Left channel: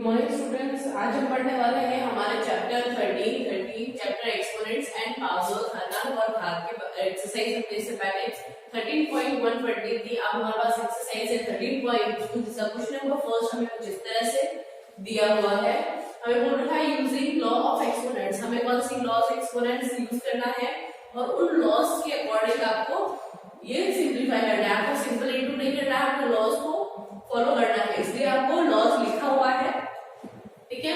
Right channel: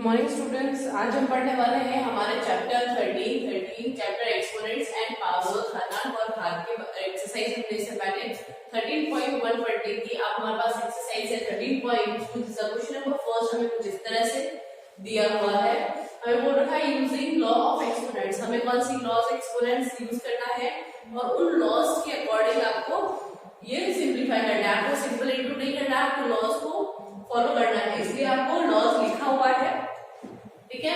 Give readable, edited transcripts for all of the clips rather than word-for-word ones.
Morning students, आज हम पढ़ने वाले हैं हमारे chapter 13 chapter exponents and power घातांक और भाग के एक्सरसाइज हमने इससे पहले 13.1 पढ़ ली थी। अब हमारे पास एक्सरसाइज है 13.2 जिसका क्वेश्चन नंबर फर्स्ट हमें कुछ इस तरह से दिया हुआ है। हमें बोल रखा है यूजिंग लॉ ऑफ एक्सपोनेंट्स, हमें कौन सी लॉ ऑफ एक्सपोनेंट्स यूज करना है और उन लॉज के अकॉर्डिंग आपको ये सिंप्लीफाई करना है। आपको सिंपल इनटू नहीं करना है, आपको लॉज को फॉलो करना है, इसलिए आपको लॉज लिखा हुआ है। ठीक है,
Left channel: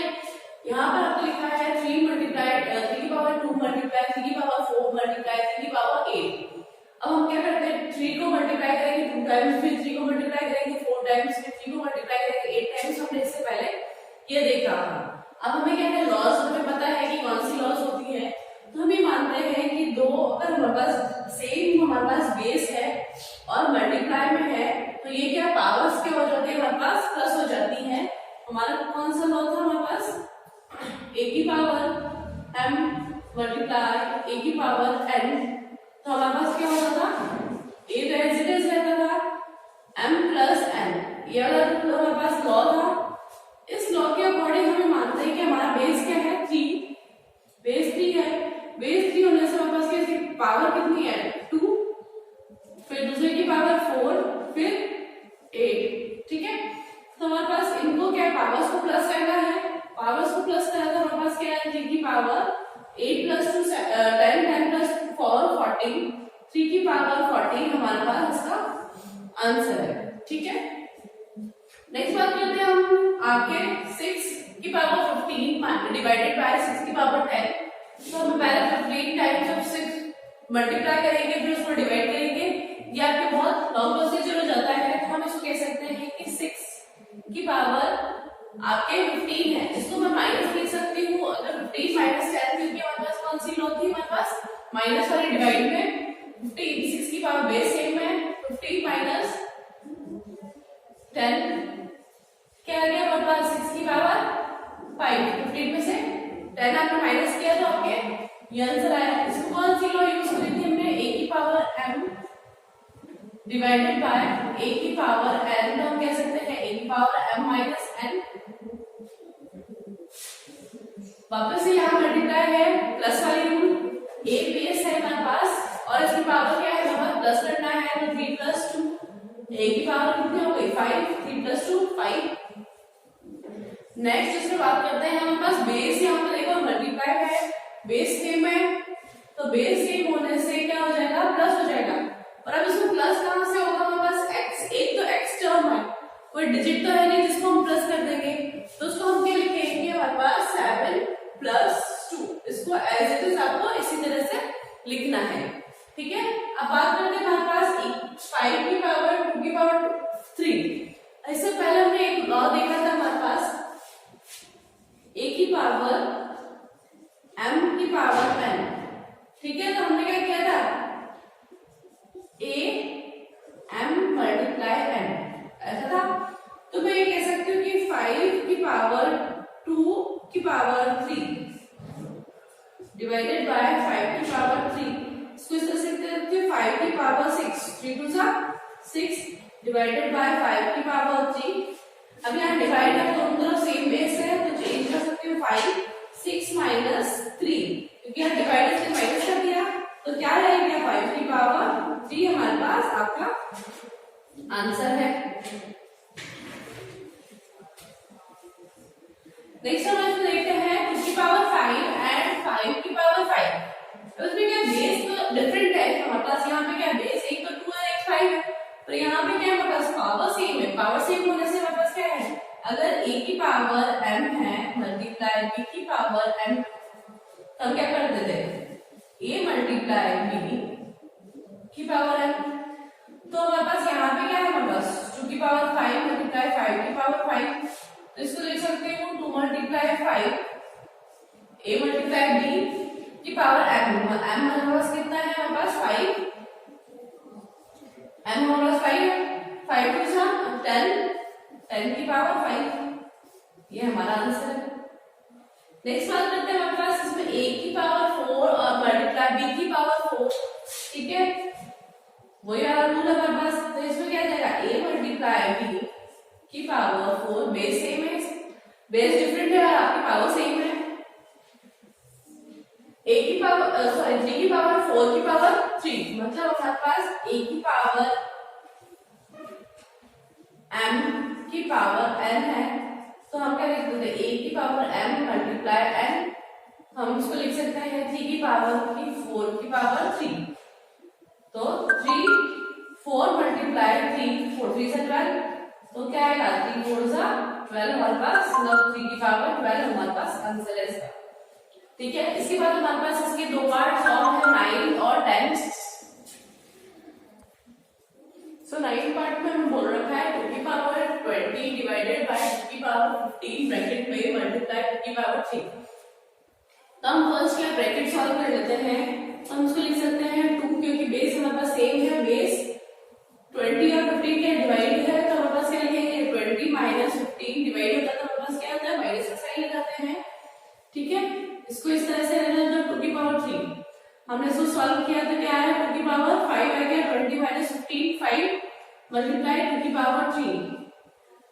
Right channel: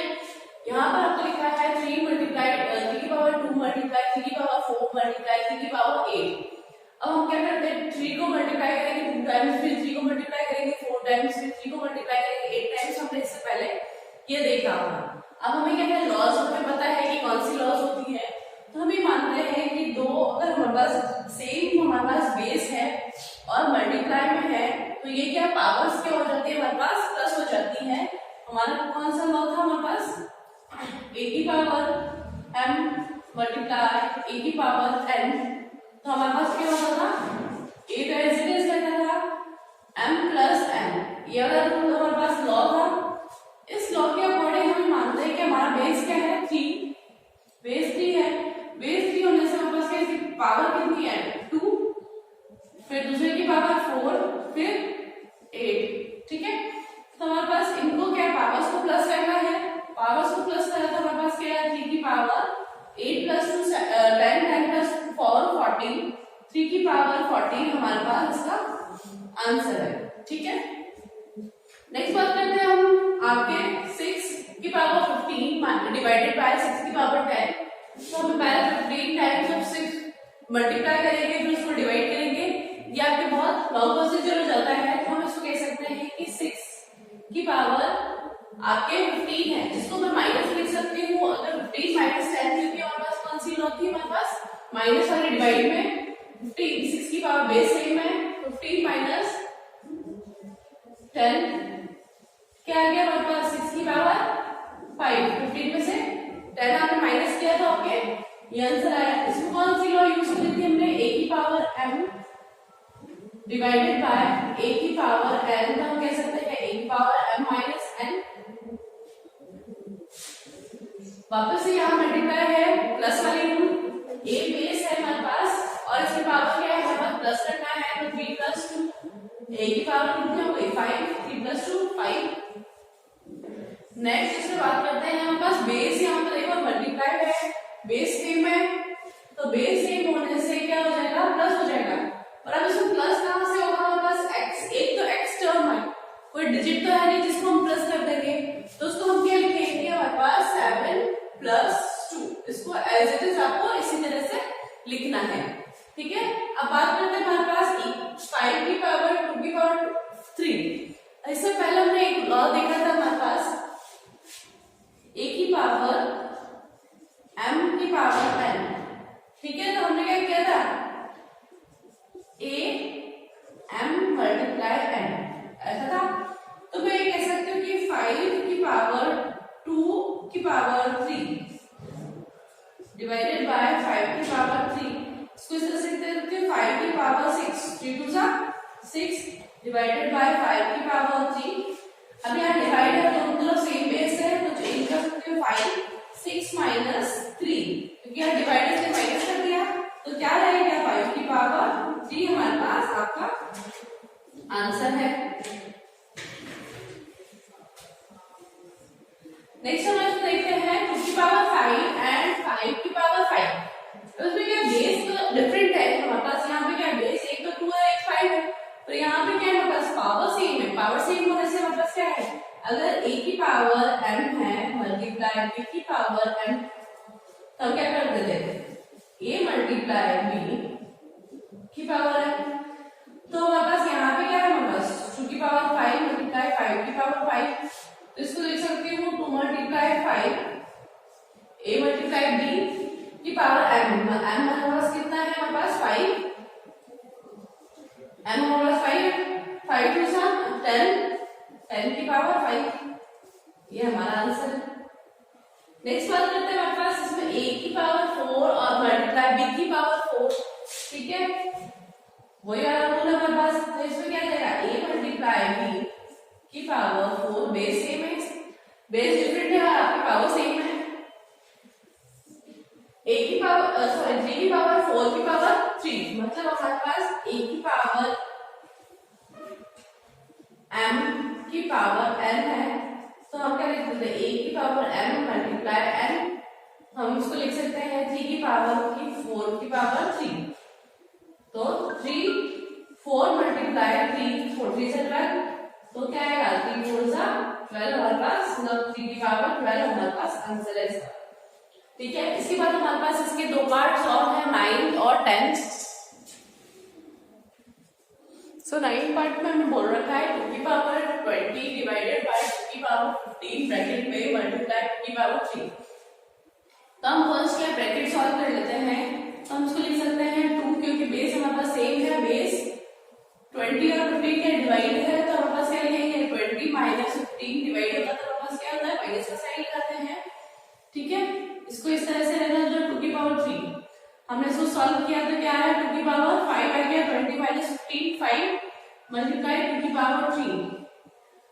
यहाँ पर आपको लिखा है 3 मल्टीप्लाई 3 की पावर 2 मल्टीप्लाई 3 की पावर 4 मल्टीप्लाई 3 की पावर 8। अब हम क्या करते हैं, 3 को मल्टीप्लाई करेंगे 2 टाइम्स, फिर 3 को मल्टीप्लाई करेंगे 4 टाइम्स, फिर 3 को मल्टीप्लाई करेंगे 8 टाइम्स। हमने इससे पहले ये देखा था। अब हमें क्या है, लॉज हमें पता है कि कौन सी लॉज होती है। तो हम ये मानते हैं कि दो अगर हमारे पास सेम हमारे पास बेस है और मल्टीप्लाई में है तो ये क्या पावर्स क्या हो जाती है, हमारे पास प्लस हो जाती है। हमारा कौन सा लॉ था हमारे पास, a की पावर m मल्टीप्लाई a की पावर n। तो हमारे पास क्या होता था, a तो एज इट इज रहता था m प्लस n। ये अगर हमारे पास लॉ था, इस लॉ के अकॉर्डिंग हमें मानते हैं कि हमारा बेस क्या है 3, बेस 3 है। बेस 3 होने से हमारे पास क्या पावर कितनी है 2, फिर दूसरे की पावर 4, फिर 8। ठीक है, तो हमारे पास इनको क्या पावर्स को प्लस करना है, पावर्स को प्लस करना है तो हमारे पास क्या है 3 की पावर 8 प्लस 2 10 10 प्लस 4 14, 3 की पावर 14 हमारे पास इसका आंसर है। ठीक है, नेक्स्ट बात करते हैं हम आपके 6 की पावर 15 डिवाइडेड बाय 6 की पावर 10। तो हम पहले 15 टाइम्स ऑफ 6 मल्टीप्लाई करेंगे फिर उसको डिवाइड करेंगे। ये आपके बहुत लॉन्ग प्रोसीजर हो जाता है, तो हम इसको कह सकते हैं कि 6 की पावर आपके 15 है, जिसको मैं माइनस लिख सकती हूँ। अगर 15 माइनस 10 क्योंकि हमारे पास कौन सी लॉ थी, हमारे पास माइनस वाली डिवाइड में 15 6 की पावर बेस सेम है, 15 माइनस 10 क्या आ गया हमारे पास 6 की पावर 5। 15 में से 10 आपने माइनस किया था, ओके ये आंसर आया। इसको कौन सी लॉ यूज करी थी हमने, a की power m divided by a की पावर n। तो हम कह सकते हैं a की पावर m माइनस n। वापस से यहाँ मल्टीप्लाई है प्लस वाली रूल, a बेस है हमारे पास और इसकी पावर क्या है हमारे पास प्लस करना है, तो 3 प्लस 2 a की पावर कितनी हो गई 5, 3 प्लस 2 5। नेक्स्ट दूसरी बात करते हैं, हमारे पास बेस यहाँ पर देखो मल्टीप्लाई है, बेस सेम है, तो बेस सेम होने से क्या हो जाएगा प्लस हो जाएगा। और अब इसमें प्लस कहां से होगा, हमारे पास x, एक तो x टर्म है, कोई डिजिट तो है नहीं जिसको हम प्लस कर देंगे, तो उसको हम क्या लिखेंगे हमारे पास 7 प्लस 2। इसको एज इट इज आपको इसी तरह से लिखना है। ठीक है, अब बात करते हैं हमारे पास 5 की पावर 2 की पावर 3। इससे पहले हमने एक लॉ देखा था हमारे पास a की पावर m की पावर n। ठीक है, तो हमने क्या किया था a m मल्टीप्लाई n ऐसा था। तो मैं ये कह सकती हूँ कि 5 की पावर 2 की पावर 3 डिवाइडेड बाय 5 की पावर 3। इसको इस तरह से लिख सकते हैं 5 की पावर 6, 3 2 जा 6 डिवाइडेड बाय 5 की पावर 3। अब यहाँ डिवाइड है तो दोनों सेम बेस है, तो चेंज कर सकते हैं 5 6 माइनस 3, क्योंकि यहाँ डिवाइड से माइनस कर दिया तो क्या रहेगा 5 की पावर 3 हमारे पास आपका आंसर है। नेक्स्ट हम इसमें देखते हैं 2 की पावर 5 एंड 5 की पावर 5। तो इसमें क्या बेस तो डिफरेंट है हमारे पास, यहाँ पे क्या बेस एक तो 2 है एक 5 है, तो यहाँ पे क्या है हमारे पास पावर सेम है। पावर सेम होने से हमारे पास क्या है, अगर a की पावर m है मल्टीप्लाई b की पावर m, तो हम क्या कर देते हैं a मल्टीप्लाई b की पावर m। तो हमारे पास यहाँ पे क्या है, हमारे पास 2 की पावर 5 मल्टीप्लाई 5 की पावर 5। तो इसको लिख सकती हूँ 2 मल्टीप्लाई 5 a मल्टीप्लाई b की पावर m। हमारे पास कितना है, हमारे पास 5, m हमारे पास 5 5 टू 10 10 की पावर 5, ये हमारा आंसर है। नेक्स्ट बात करते हैं हमारे पास इसमें a की पावर 4 और मल्टीप्लाई b की पावर 4। ठीक है, वही वाला रूल है हमारे पास, तो इसमें क्या जाएगा a मल्टीप्लाई b की पावर 4 बेस सेम है, बेस डिफरेंट है और आपकी पावर सेम है। a की पावर सॉरी 3 की पावर 4 की पावर 3, मतलब हमारे पास a की पावर m की पावर n है, तो हम क्या लिख सकते हैं a की पावर m मल्टीप्लाई n, हम इसको लिख सकते हैं 3 की पावर की 4 की पावर 3, तो 3 4 मल्टीप्लाई 3 4 3 से 12, तो क्या आएगा 3 4 जा 12 हमारे पास, मतलब 3 की पावर 12 हमारे पास आंसर है इसका। ठीक है, इसके बाद हमारे पास इसके दो पार्ट सॉल्व है 9 और 10। सो 9 पार्ट में हमने बोल रखा है 2 की पावर 20 डिवाइडेड बाय 2 की पावर 15 ब्रैकेट में मल्टीप्लाई 2 की पावर 3। तो हम फर्स्ट क्या ब्रैकेट सॉल्व कर लेते हैं, तो हम इसको लिख सकते हैं 2, क्योंकि बेस हमारे पास सेम है, बेस 20 और 15 का डिवाइड है, तो हमारे पास क्या लिखेंगे 20 माइनस 15 डिवाइड होता है, तो हमारे पास क्या होता है माइनस का साइन लगाते हैं। ठीक है, इसको इस तरह से रहना था 2 की पावर 3, हमने इसको सॉल्व किया तो क्या है 2 की पावर 5 आ गया, 20 माइनस 15 5 मल्टीप्लाई 2 की पावर 3।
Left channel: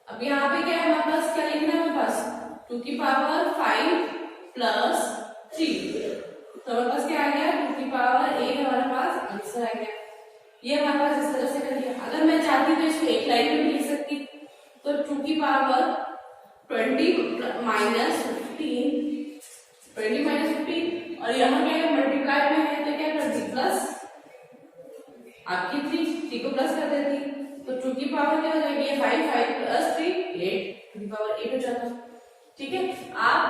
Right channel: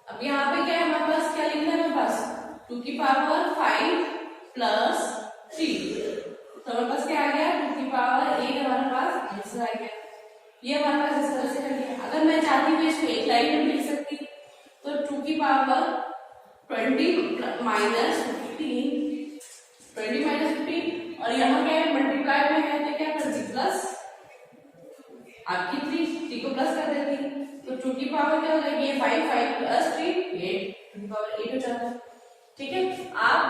अब यहाँ पे क्या है हमारे पास, क्या लिखना है हमारे पास 2 की पावर 5 प्लस 3, तो हमारे पास क्या आ गया 2 की पावर 8 हमारे पास आंसर आ गया। ये हमारे पास इस तरह से कर लिया। अगर मैं चाहती तो इसको एक लाइन में लिख सकती, तो 2 की पावर 20 माइनस 15 और यहाँ क्या है मल्टीप्लाई में है, तो क्या करती प्लस आपकी 3 को प्लस कर देती, तो 2 की पावर क्या हो जाएगी 5 5 प्लस 3 8, 2 की पावर 8 हो जाता है। ठीक है, आप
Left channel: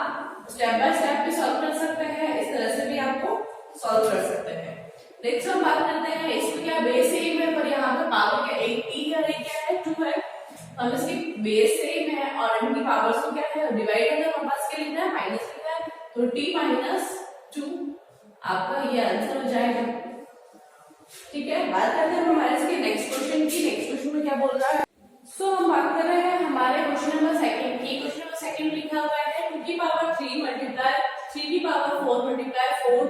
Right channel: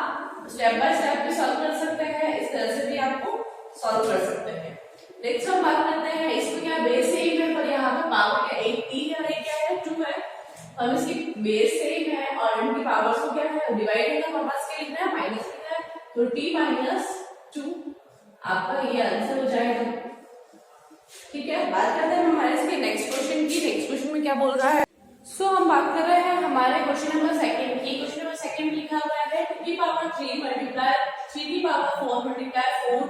स्टेप बाय स्टेप भी सॉल्व कर सकते हैं, इस तरह से भी आपको सॉल्व कर सकते हैं। नेक्स्ट हम बात करते हैं, इसमें क्या बेस सेम है पर यहाँ पे पावर क्या 1 3 और एक क्या है 2 है, हम इसकी बेस सेम है और इनकी पावर्स को क्या है डिवाइड है, तो हमारे पास क्या लिखना है माइनस लिखना है, तो t माइनस 2 आपका ये आंसर हो जाएगा। ठीक है, बात करते हैं हमारे इसके नेक्स्ट क्वेश्चन की। नेक्स्ट क्वेश्चन में क्या बोल रहा है, सो हम बात कर रहे हैं हमारे क्वेश्चन नंबर सेकंड की। क्वेश्चन नंबर सेकंड लिखा हुआ है 2 की पावर 3 मल्टीप्लाई 3 की पावर 4 मल्टीप्लाई 4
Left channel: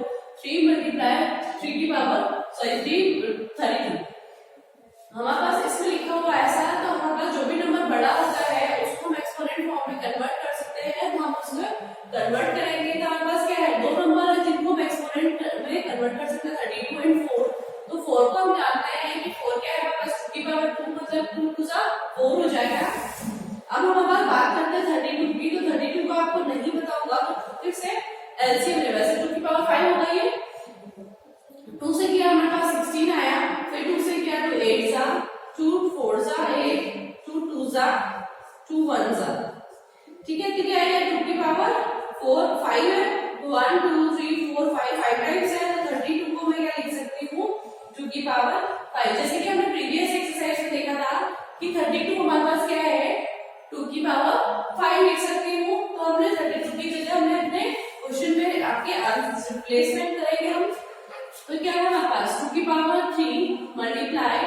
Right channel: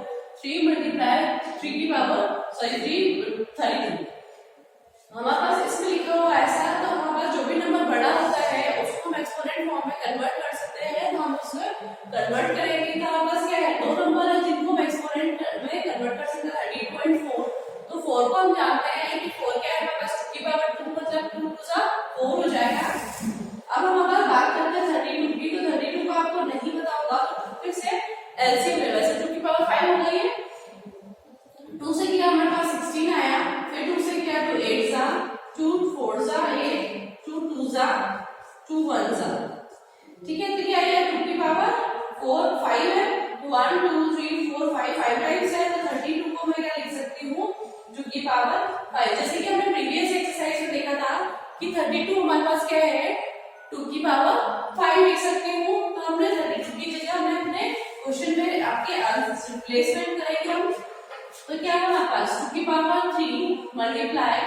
3 मल्टीप्लाई 3 की पावर सॉरी 3 32। हमारे पास इसमें लिखा हुआ ऐसा है, तो हमारे पास जो भी नंबर बड़ा होता है उसको हम एक्सपोनेंट फॉर्म में कन्वर्ट कर सकते हैं, तो हम उसमें कन्वर्ट करेंगे तो हमारे पास क्या है दो नंबर है जिनको हम एक्सपोनेंट में कन्वर्ट कर सकते हैं 32 एंड 4। तो 4 को हम जानते हैं कि 4 क्या है हमारे पास 2 की पावर 2 मतलब 2 2 4 हो जाएगा। अब हम अगर बात करते हैं 32 की, तो 32 को आपको नहीं पता होगा तो फिर से एलसीएम ले, वैसे 2 की पावर 5 हो गई है, 2 से किया हमारे पास 16 आया, फिर 2 से किया तो 8 जा 2 4 जा 8 2 2 जा 2 1 जा। ठीक है, तो क्या है 2 की पावर 4 5 है, 1 2 3 4 5 5 टाइम्स है, तो 32 को मैं क्या लिख सकती हूँ 2 की पावर 5। जैसे कि हमने प्रीवियस एक्सरसाइज में देखा था कि 32 हमारे पास क्या है 2 की पावर 5 लिख सकती हूँ, तो हमने 32 की जगह हमने अपने क्वेश्चन में आपके रिप्लेसमेंट करेंगे हम, तो क्या है हमारे पास 2 की पावर 3 मल्टीप्लाई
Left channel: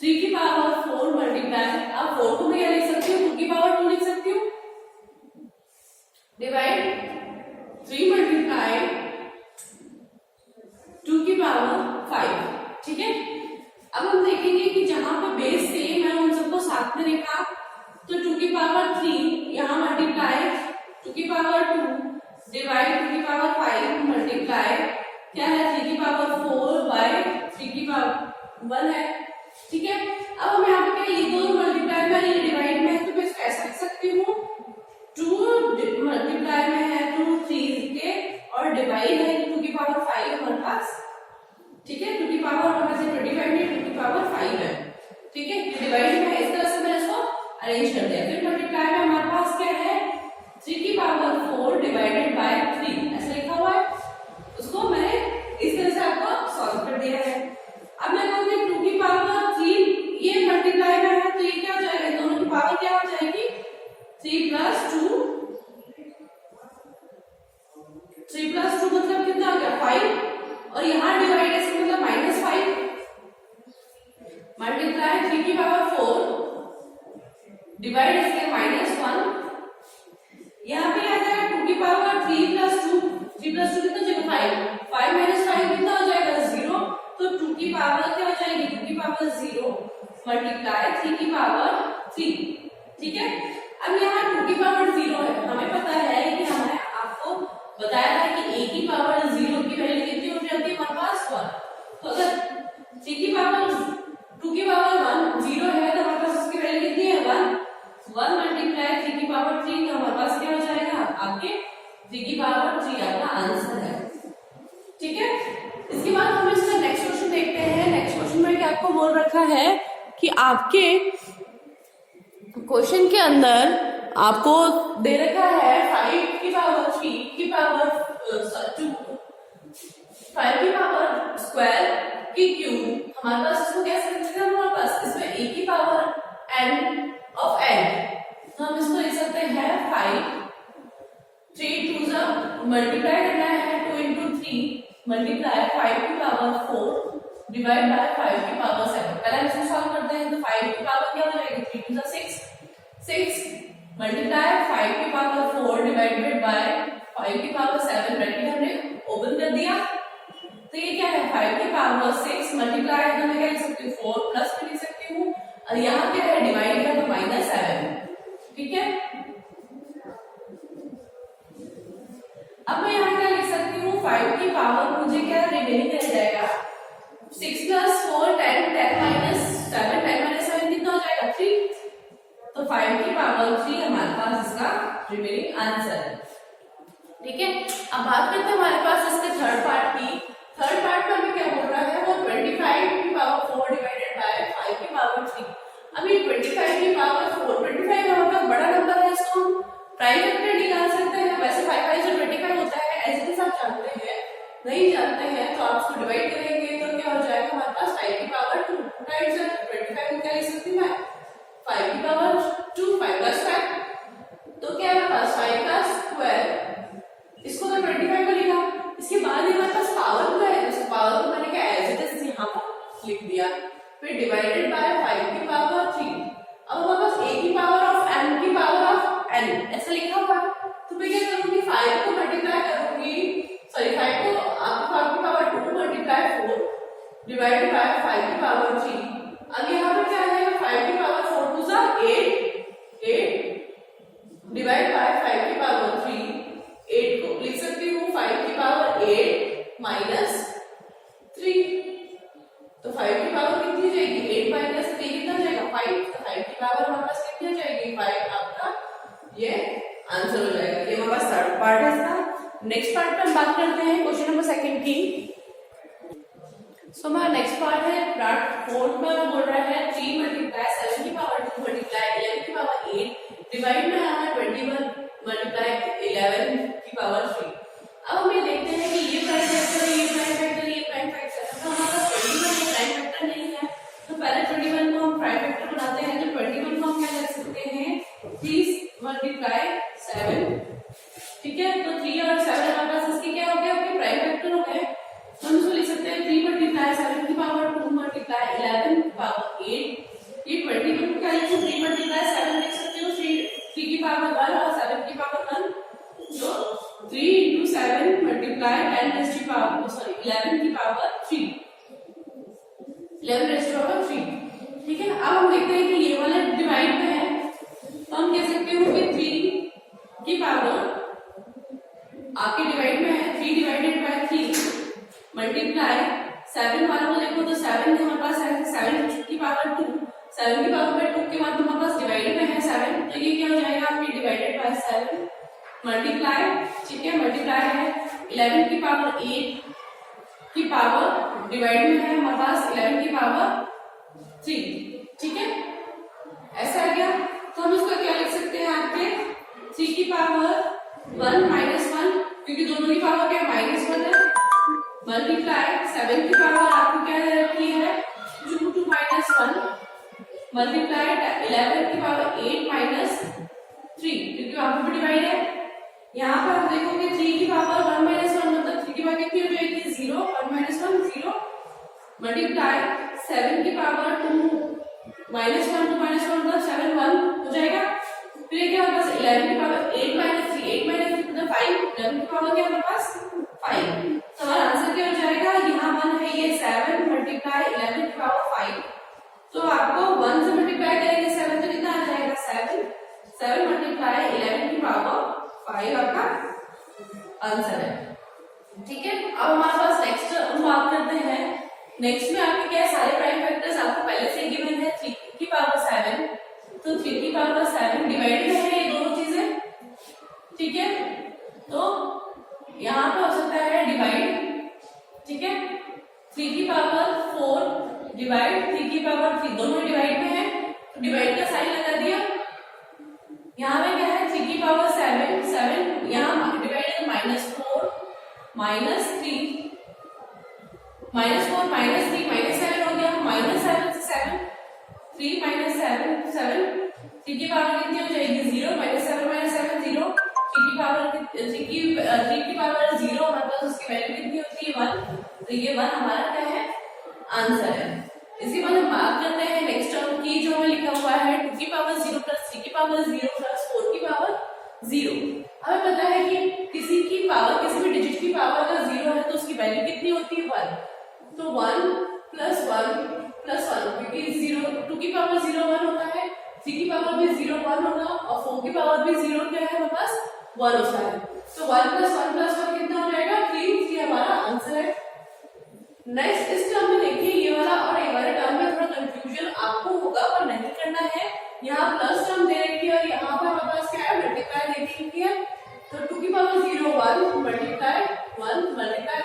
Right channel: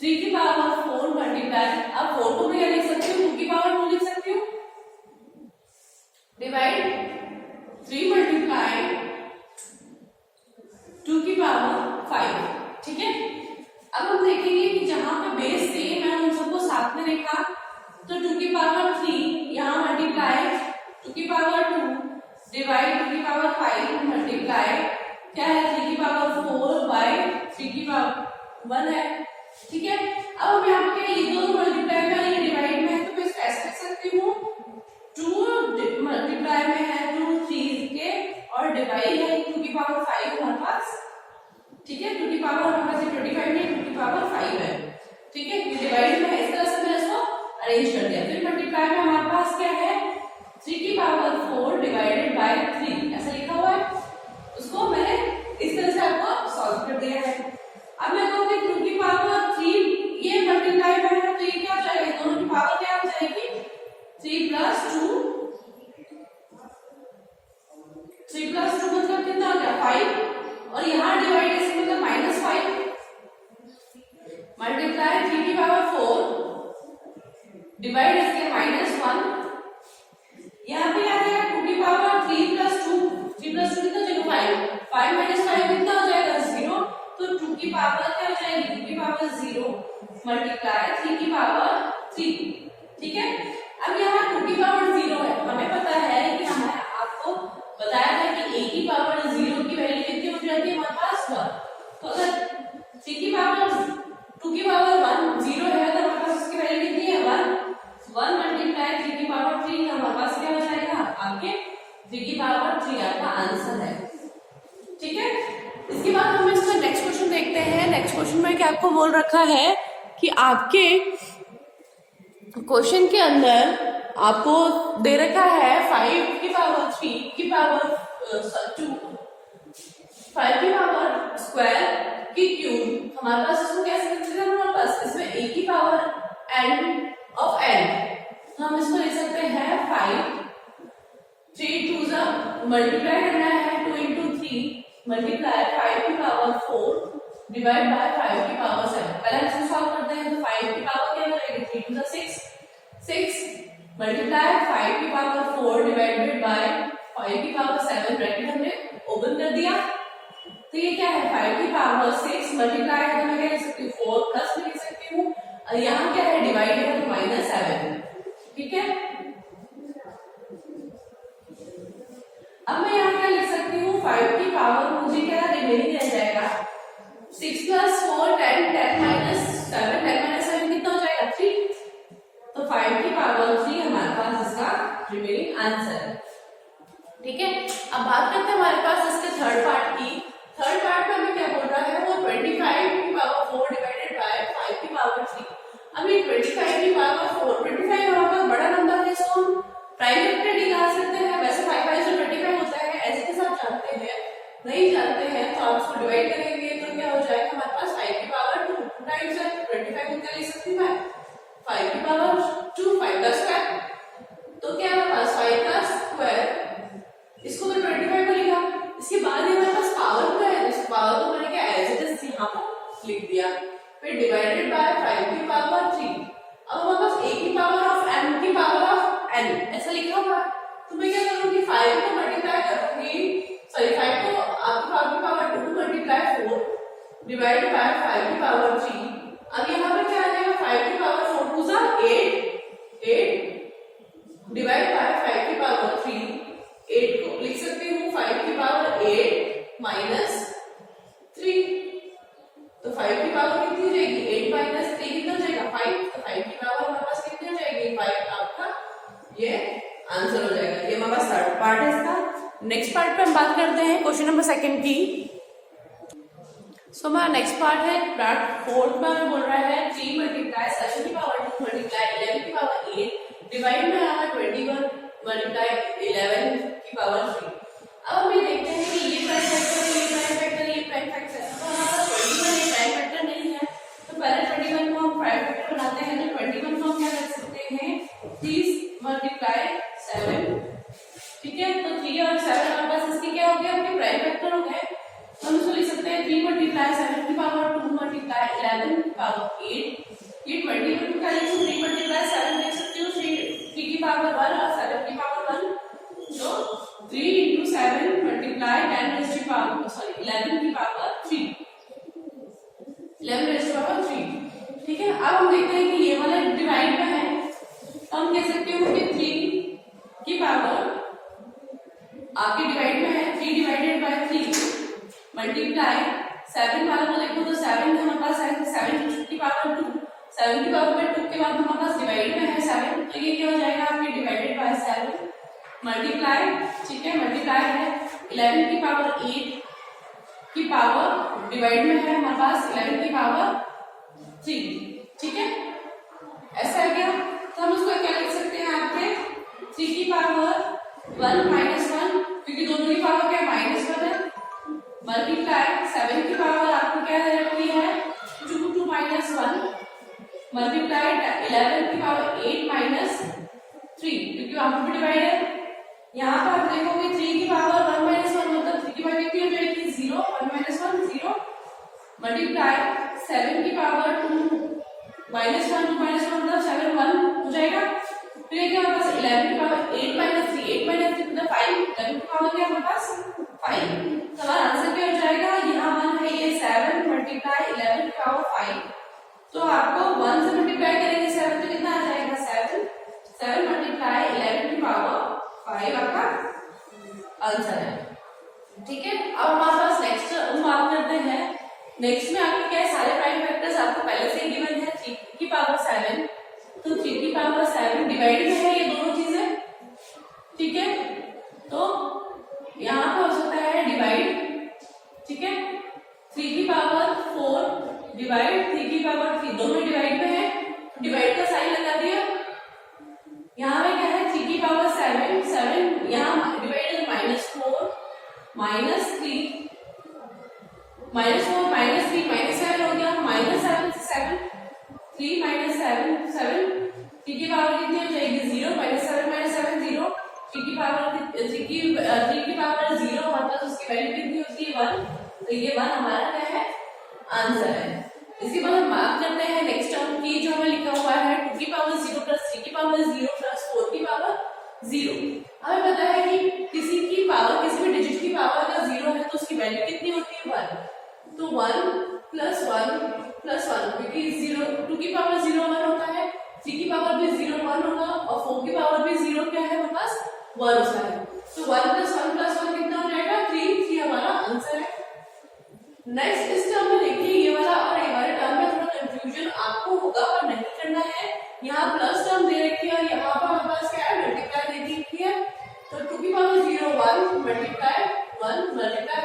3 की पावर 4 मल्टीप्लाई, अब 4 को मैं क्या लिख सकती हूँ 2 की पावर 2 लिख सकती हूँ, डिवाइड 3 मल्टीप्लाई 2 की पावर 5। ठीक है, अब हम देखेंगे कि जहां पे बेस सेम है उन सबको साथ में लिखा, तो 2 की पावर 3 यहाँ मल्टीप्लाई 2 की पावर 2 डिवाइड 2 की पावर 5 मल्टीप्लाई क्या है 3 की पावर 4 बाय 3 की पावर 1 है। ठीक है, अब हम यहाँ पे क्या ये दोनों मल्टीप्लाई में ये डिवाइड में है, तो मैं इसको ऐसे लिख सकती हूँ 2 मल्टीप्लाई में है 2 3 के और डिवाइड है 2 की पावर 5 हमारे पास। ठीक है, 2 की पावर हमारे पास 25 है, 2 की पावर 5 है। ठीक है, डिवाइड में है, इस तरह से मैंने इसको अरेंज कर दिया। फिर मल्टीप्लाई में हमारे पास क्या है 3 की पावर 4 डिवाइडेड बाय 3 ऐसा लिखा हुआ है, उसको मैंने इस तरह से आपको सॉल्व कर दिया है। अब मैं कहूंगी 2 की पावर 3 ये मल्टीप्लाई में है, तो ये क्या हो जाएगा दोनों की पावर क्या हो जाएगी 3 प्लस 2 मतलब कितना हो गया 5 और यहाँ डिवाइड है मतलब -5 मल्टीप्लाई 3 की पावर 4 डिवाइड इसके -1, यहाँ पे आ जाएगा 2 की पावर 3 प्लस 2 कितना हो जाएगा 5 माइनस 5 कितना हो जाएगा 0, तो 2 की पावर क्या हो जाएगी 2 की पावर 0 मल्टीप्लाई 3 की पावर 3। ठीक है, अब यहाँ 2 की पावर 0 है, हमें पता है कि हमें आपको बताया है कि a की पावर 0 की वैल्यू कितनी हो जाती है हमारे पास 1। तो अगर 3 की पावर 2 की पावर 1 0 है तो हमारे पास इसकी वैल्यू कितनी है 1 मल्टीप्लाई 3 की पावर 3, तो हमारे पास क्या हो जाएगा आपके 3 की पावर 3 आपका आंसर है। ठीक है, इसके बाद हम इसका नेक्स्ट क्वेश्चन देखते हैं। नेक्स्ट क्वेश्चन में क्या आपको बोल रखा है कि आपके क्वेश्चन के अंदर आपको दे रखा है 5 की पावर 3 की पावर 2 5 की पावर स्क्वायर की क्यूब। हमारे पास इसको कैसे लिख सकते हैं, हमारे पास इसमें a की पावर n ऑफ n, तो हम इसको लिख सकते हैं 5 3 2 जा मल्टीप्लाई करना है 2 into 3 मल्टीप्लाई 5 की पावर 4 डिवाइड बाय 5 की पावर 7। पहले इसको सॉल्व करते हैं, तो 5 की पावर क्या हो जाएगी 3 2 जा 6 मल्टीप्लाई 5 की पावर 4 डिवाइडेड बाय 5 की पावर 7, ब्रैकेट हमने ओपन कर दिया। तो ये क्या है 5 की पावर 6 मल्टीप्लाई है तो मैं क्या लिख सकती हूँ 4 प्लस भी लिख सकती हूँ, और यहाँ क्या है डिवाइड है तो -7। ठीक है, अब मैं यहाँ क्या लिख सकती हूँ 5 की पावर मुझे क्या रिमेनिंग रह जाएगा 6 + 4 10 10 - 7 10 - 7 कितना हो जाएगा 3। तो 5 की पावर 3 हमारे पास इसका रिमेनिंग आंसर है। ठीक है, अब बात करते हैं हमारे पास इसके थर्ड पार्ट की। थर्ड पार्ट में हमें क्या बोल रहा है वो 25 की पावर 4 डिवाइडेड बाय 5 की पावर 3। अब ये 25 की पावर 4 25 हमारा का बड़ा नंबर है, इसको हम प्राइम फैक्टर निकाल सकते हैं। वैसे 5 5 से 25 होता है, ऐसे के साथ जानते हैं, नहीं जानते हैं तो आप इसको डिवाइड करेंगे तो क्या हो जाएगा हमारे पास 5 की पावर 2 टाइम्स 25 को क्या लिख सकती हूँ मैं 5 की पावर 2 5 का स्क्वायर, तो क्या है हमारे पास 5 का स्क्वायर, इसको मैं 25 को लिखा। इसके बाद हमारे पास पावर क्या है, तो पावर को मैंने क्या एज इट इज यहाँ पर लिख दिया, फिर डिवाइडेड बाय 5 की पावर 3। अब हमारे पास a की पावर ऑफ n की पावर ऑफ n ऐसा लिखा हुआ है, तो मैं क्या करूंगी 5 को मल्टीप्लाई करूंगी, सॉरी 5 को आपकी पावर की पावर 2 मल्टीप्लाई 4 डिवाइड बाय 5 की पावर 3। अब यहाँ पर क्या आ जाएगा 5 की पावर 4 2 जा 8 डिवाइड बाय 5 की पावर 3। 8 को लिख सकती हूँ 5 की पावर 8 माइनस 3, तो 5 की पावर कितनी जाएगी 8 माइनस 3 कितना जाएगा 5, तो 5 की पावर हमारे पास कितनी हो जाएगी 5, आपका ये आंसर हो जाएगा। ये हमारे पास थर्ड पार्ट है इसका। नेक्स्ट पार्ट पे हम बात करते हैं क्वेश्चन नंबर 2 की। सो हमारा नेक्स्ट पार्ट है पार्ट 4 में बोल रहा है 3 मल्टीप्लाई 7 की पावर 2 मल्टीप्लाई 11 की पावर 8 डिवाइड में आ रहा है 21 मल्टीप्लाई 11 की पावर 3। अब हम ये देखते हैं कि ये प्राइम फैक्टर ये प्राइम फैक्टर ये प्राइम फैक्टर, तो हमारे पास 21 ये प्राइम फैक्टर नहीं है, तो पहले 21 को हम प्राइम फैक्टर बनाते हैं। तो 21 को हम क्या लिख सकते हैं 3 मल्टीप्लाई 7। ठीक है, तो 3 और 7 हमारे पास इसके क्या हो गए आपके प्राइम फैक्टर हो गए, तो हम इसको लिख सकते हैं 3 मल्टीप्लाई 7 की पावर 2 मल्टीप्लाई 11 की पावर 8। ये 21 का लिख 3 मल्टीप्लाई 7 लिख सकते हो 3 की पावर 1 और 7 की पावर 1, तो 3 into 7 multiply 10 raised to power sorry 11 की पावर 3 11 raised to power 3। ठीक है, अब हम देखते हैं कि ये वाला डिवाइड में है, तो हम कह सकते हो कि 3 की पावर आपके डिवाइड में है 3 डिवाइडेड बाय 3 मल्टीप्लाई 7 वाला को देखो तो 7 हमारे पास है 7 की पावर 2, 7 की पावर में 2 के बाद हमारे पास डिवाइड में है 7, तो ये क्या हो जाएगा आपके डिवाइडेड बाय 7 मल्टीप्लाई, ठीक है मल्टीप्लाई है 11 की पावर 8 की पावर डिवाइड में है हमारे पास 11 की पावर 3। ठीक है, ऐसा है क्या, तो हम इसको क्या लिख सकते हैं आपके 3 की पावर 1 माइनस 1, क्योंकि दोनों की पावर क्या -1 है, मल्टीप्लाई 7 की पावर आपको क्या दे रखी है 2 2 माइनस 1 मल्टीप्लाई 11 की पावर 8 माइनस 3, क्योंकि वहां पर भी डिवाइड है। यहाँ पर आप देखोगे 3 की पावर 1 माइनस 1 मतलब 3 की पावर कितनी हो जाएगी 0, 1 माइनस 1 0 मल्टीप्लाई 7 की पावर 2 माइनस 1 2 माइनस 1 मतलब 7 1 हो जाएगा। फिर ये क्या हमारे पास 11 की पावर 8 माइनस 3 8 माइनस 3 मतलब 5, 11 की पावर क्या हमारे पास 5, तो हमारा आंसर क्या हो जाएगा यहाँ 1 है ये 7 मल्टीप्लाई 11 की पावर 5, तो आपको 1 से मल्टीप्लाई करेंगे 7 तो कितना आ जाएगा 7 7 मल्टीप्लाई 11 की पावर 5 आपका आंसर है। ठीक है, अब हमारे पास नेक्स्ट हम बात करते हैं। नेक्स्ट में आपके क्या है, सारे प्राइम फैक्टर्स आपको पहले से गिवन है। 3 की पावर 7, तो 3 की पावर 7 डिवाइड में है ये दोनों चीजें। ठीक है, तो यहाँ पे हो सकता है डिवाइड। ठीक है, 3 की पावर 4 डिवाइड 3 की पावर 3, दोनों डिवाइड में है, तो डिवाइड का साइन लगा दिया। यहाँ पे क्या है, 3 की पावर 7, 7 यहाँ डिवाइड -4 -3 -4 -3 -7 हो गया, -7 से 7 3 -7 7 3 की पावर कितनी हो जाएगी 0, -7 -7 0, 3 की पावर 3 की पावर 0 मतलब उसकी वैल्यू कितनी होती है 1, तो ये 1 हमारा क्या है आंसर है। इसके बाद हम बात करते हैं नेक्स्ट टर्म की, जो हमें लिखा हुआ है 2 की पावर 0 प्लस 3 की पावर 0 प्लस 4 की पावर 0। हमें पता है कि किसी की पावर, किसी भी डिजिट की पावर अगर 0 है तो उसकी वैल्यू कितनी होती है 1, तो 1 प्लस 1 प्लस 1, क्योंकि 2 की पावर 0 1 होता है, 3 की पावर भी 0 1 होगा और 4 की पावर भी 0 क्या है हमारे पास 1 होता है, तो 1 प्लस 1 प्लस 1 कितना हो जाएगा 3 हमारा आंसर है। नेक्स्ट इस टर्म में देखिए, ये वाला और ये वाले टर्म में थोड़ा कंफ्यूजन आपको होगा पर नहीं करना है। यहाँ प्लस टर्म दे रखी है और यहाँ पर हमारे पास क्या है मल्टीप्लाई दे रखी है, तो 2 की पावर 0 1 मल्टीप्लाई 1 मल्टीप्लाई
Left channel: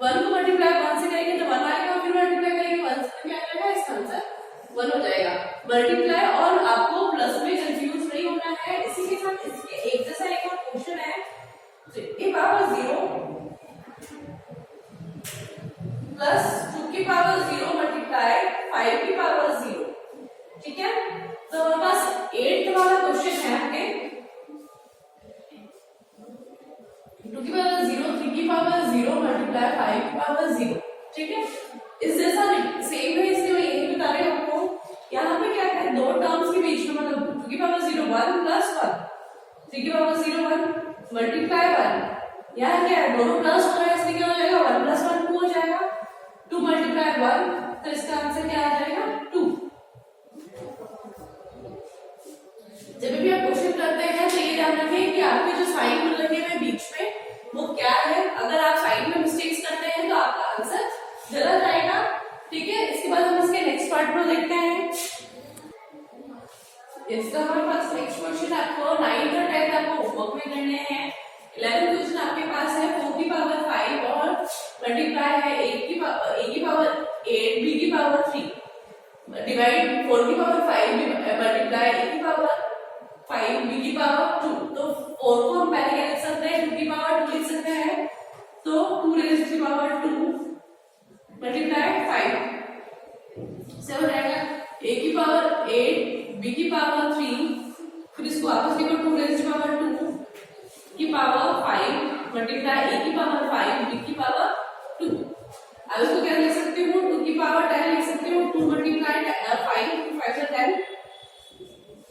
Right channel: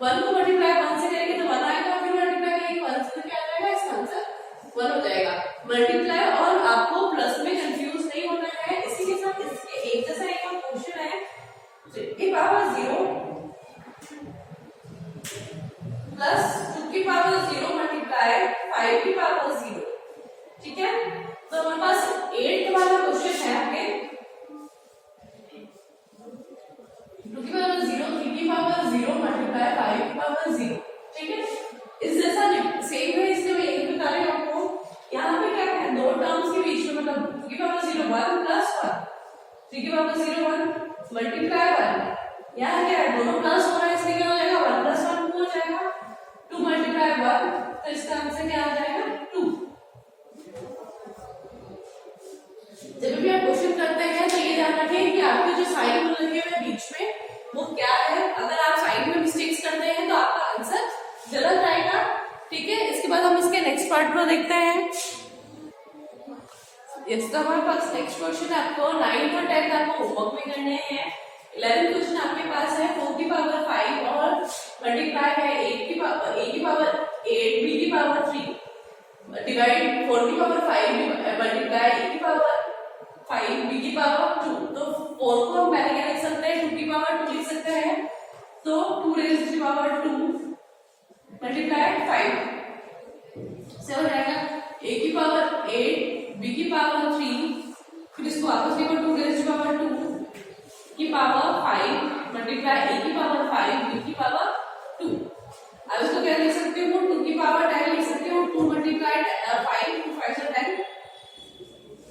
1 को मल्टीप्लाई 1 से करेंगे तो 1 आएगा, फिर मल्टीप्लाई करेंगे 1 से तो क्या आ जाएगा, इसका आंसर 1 हो जाएगा। मल्टीप्लाई और आपको प्लस में कंफ्यूज नहीं होना है। इसी के साथ इसके एक जैसा एक और क्वेश्चन है, 3 की पावर 0 प्लस 2 की पावर 0 मल्टीप्लाई 5 की पावर 0। ठीक है, तो हमारे पास 8 वाला क्वेश्चन है आपके 2 की पावर 0 3 की पावर 0 मल्टीप्लाई 5 की पावर 0। ठीक है, इस जैसा सेम है, इसलिए मैं यही बता रही हूँ आपको। यहाँ पे क्या है, दो टर्म्स के बीच में मतलब 2 की पावर 0 1 प्लस 1, 3 की पावर 0 1 मल्टीप्लाई 1, यहाँ क्या है दोनों प्लस हो रहा है, इसलिए क्या हो जाएगा 1 प्लस 1 2 हो जाएगा, 2 मल्टीप्लाई 1, तो इसका आंसर क्या आ जाएगा 2। जब भी आप क्वेश्चन करते हैं तो ये ध्यान रखें कि आपके जो साइन लगे हुए बीच में वो क्या है, अगर आप साइन में मिस्टेक्स करते हैं तो आपका आंसर गलत आएगा। ठीक है, इसके बाद हम इसके नेक्स्ट पार्ट को देखते हैं। इसका हमारे पास नेक्स्ट क्वेश्चन आपको 9th और 10th आपको होमवर्क में करने हैं। 11th क्वेश्चन आपके पास है 4 की पावर 5 और मल्टीप्लाई है a की पावर 8 b की पावर 3 डिवाइड 4 की पावर 5 मल्टीप्लाई a की पावर 5 b की पावर 2। तो 4 को हम पहले क्या लिख सकते हैं 2 की पावर 2 लिख सकते हैं, तो 2 रेज़ की पावर 2 मल्टीप्लाई 5 से हो जाएगा a की पावर 8 b की पावर 3, फिर इसको वापस लिखो 2 रेज़ की पावर 2 की पावर 5 मल्टीप्लाई a की पावर 5 b की पावर 2। अब इसको क्या लिख सकती हूँ 2 की पावर 10 लिख सकती हूँ, 2 मल्टीप्लाई 5 2 5 से 10,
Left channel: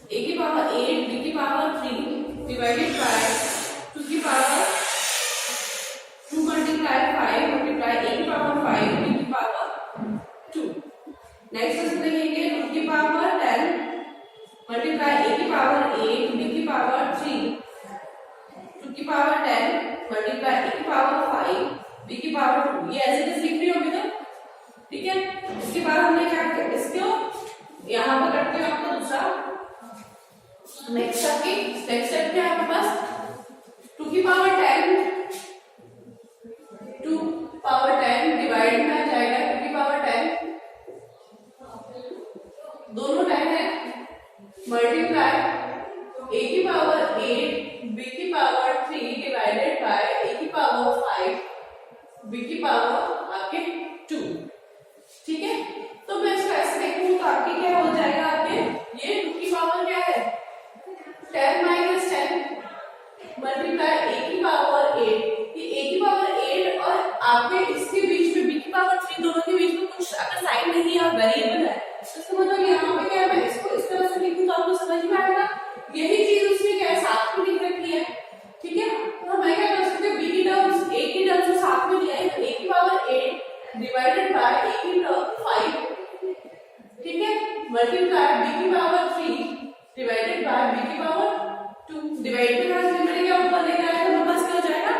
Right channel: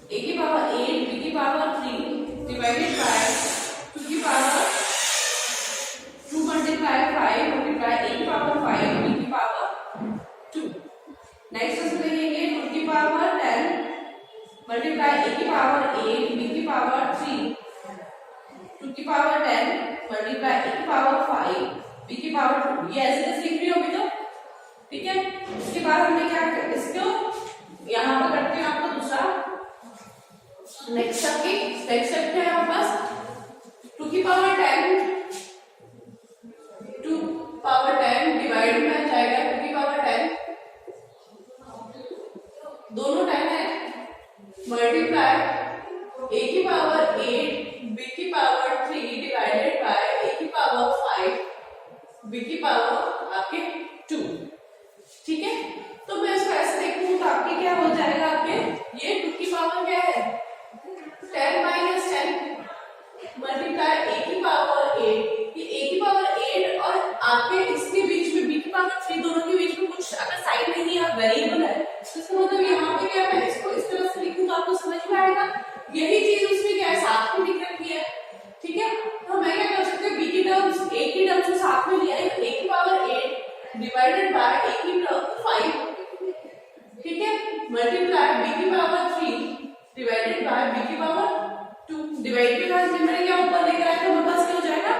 a की पावर 8 b की पावर 3 डिवाइडेड बाय 2 की पावर 2 मल्टीप्लाई 5 मल्टीप्लाई a की पावर 5 b की पावर 2। नेक्स्ट इसमें लिखेंगे 2 की पावर 10 मल्टीप्लाई a की पावर 8 b की पावर 3 2 की पावर 10 मल्टीप्लाई a की पावर 5 b की पावर 2। ये ऐसे कैसे लिख रही होगी तो ठीक है। इसके बाद हमने क्या किया, इसको यहाँ पर करते हैं आपको दूसरा नेक्स्ट स्टेप क्या है आपके पास 2 की पावर 10 डिवाइड में आ जाएगा 2 की पावर 10 दोनों 10 है मल्टीप्लाई a की पावर 8 b की पावर 3 डिवाइडेड बाय a की पावर 5 b की पावर आपके 2। ठीक है, तो मैं इसको ऐसे देखूंगी तो आपके क्या हो जाएगा, आपके ये 2 की पावर क्या है 10 माइनस 10 मल्टीप्लाई a की पावर 8, ये a की पावर 8 और आपके इसके बीच में b की पावर 3 दोनों के बीच में कुछ अगर साइन नहीं है वेरिएबल है तो इसका मतलब यहाँ पे क्या है, मैं इसको इस तरह से लिखूं तो आपको समझ में आएगा। यही चीज उसमें क्या है साथ में लिख रखी है। ठीक है, तो मैं क्या कर सकती हूँ b की टर्म्स a की टर्म्स को साथ में लिया है, a की पावर 8 डिवाइडेड बाय a की टर्म 5। ठीक है, मल्टीप्लाई b की पावर 3 डिवाइडेड बाय b की पावर 2। डिवाइड के बाद मैंने क्या ऊपर लेकर आया था, हमारे पास क्या हो जाएगा,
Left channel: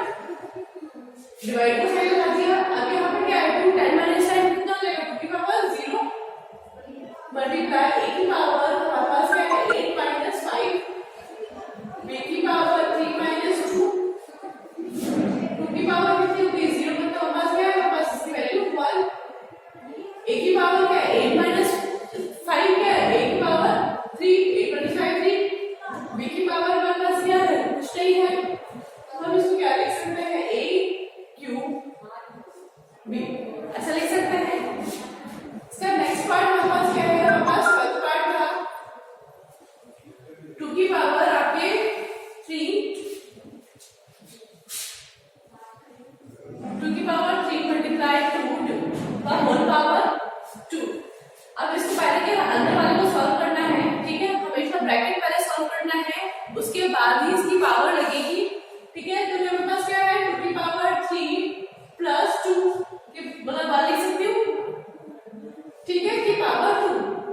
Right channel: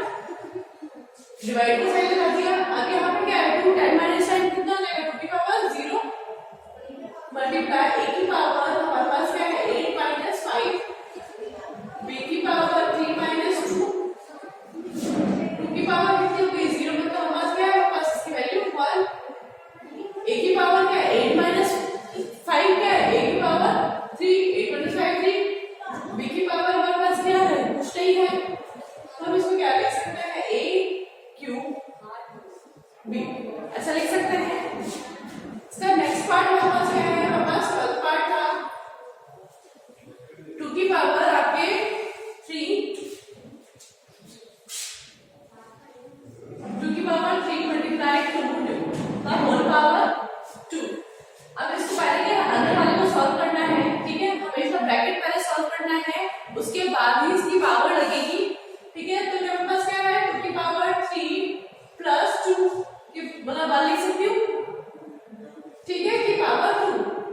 डिवाइड का साइन लगा दिया। अब यहाँ पे क्या है, 2 10 माइनस साइन कितना हो जाएगा, 2 की पावर 0 मल्टीप्लाई a की पावर हमारे पास क्या है 8 माइनस 5, b की पावर 3 माइनस 2, 2 की पावर कितनी हो गई 0, मतलब हमारे पास क्या है, हमारे पास इसकी वैल्यू 1, a की पावर क्या है 8 माइनस 5 क्या है, a की पावर 3, 8 25 3, b की पावर हमारे पास क्या है, कुछ नहीं है, तो हम इसको क्या लिख सकते हैं, a क्यूब b, अच्छा लिख सकते हैं। इसका नेक्स्ट पार्ट हमारे पास क्या है, हमारे पास फर्स्ट पार्ट था 2 की पावर आपके 3, 2 की पावर 3 मल्टीप्लाई 2 का होल पावर 2। अब इसको पहले क्या अंदर वाले को सॉल्व करना है, ठीक है, हमें इसका ब्रैकेट पहले सॉल्व करना है, उसके बाद ही इसकी पावर लगेगी, ठीक है। तो मेरे पास क्या है 2 की पावर 3 प्लस 2 की मतलब बात लिख सकती हूँ, ठीक है, की पावर 2,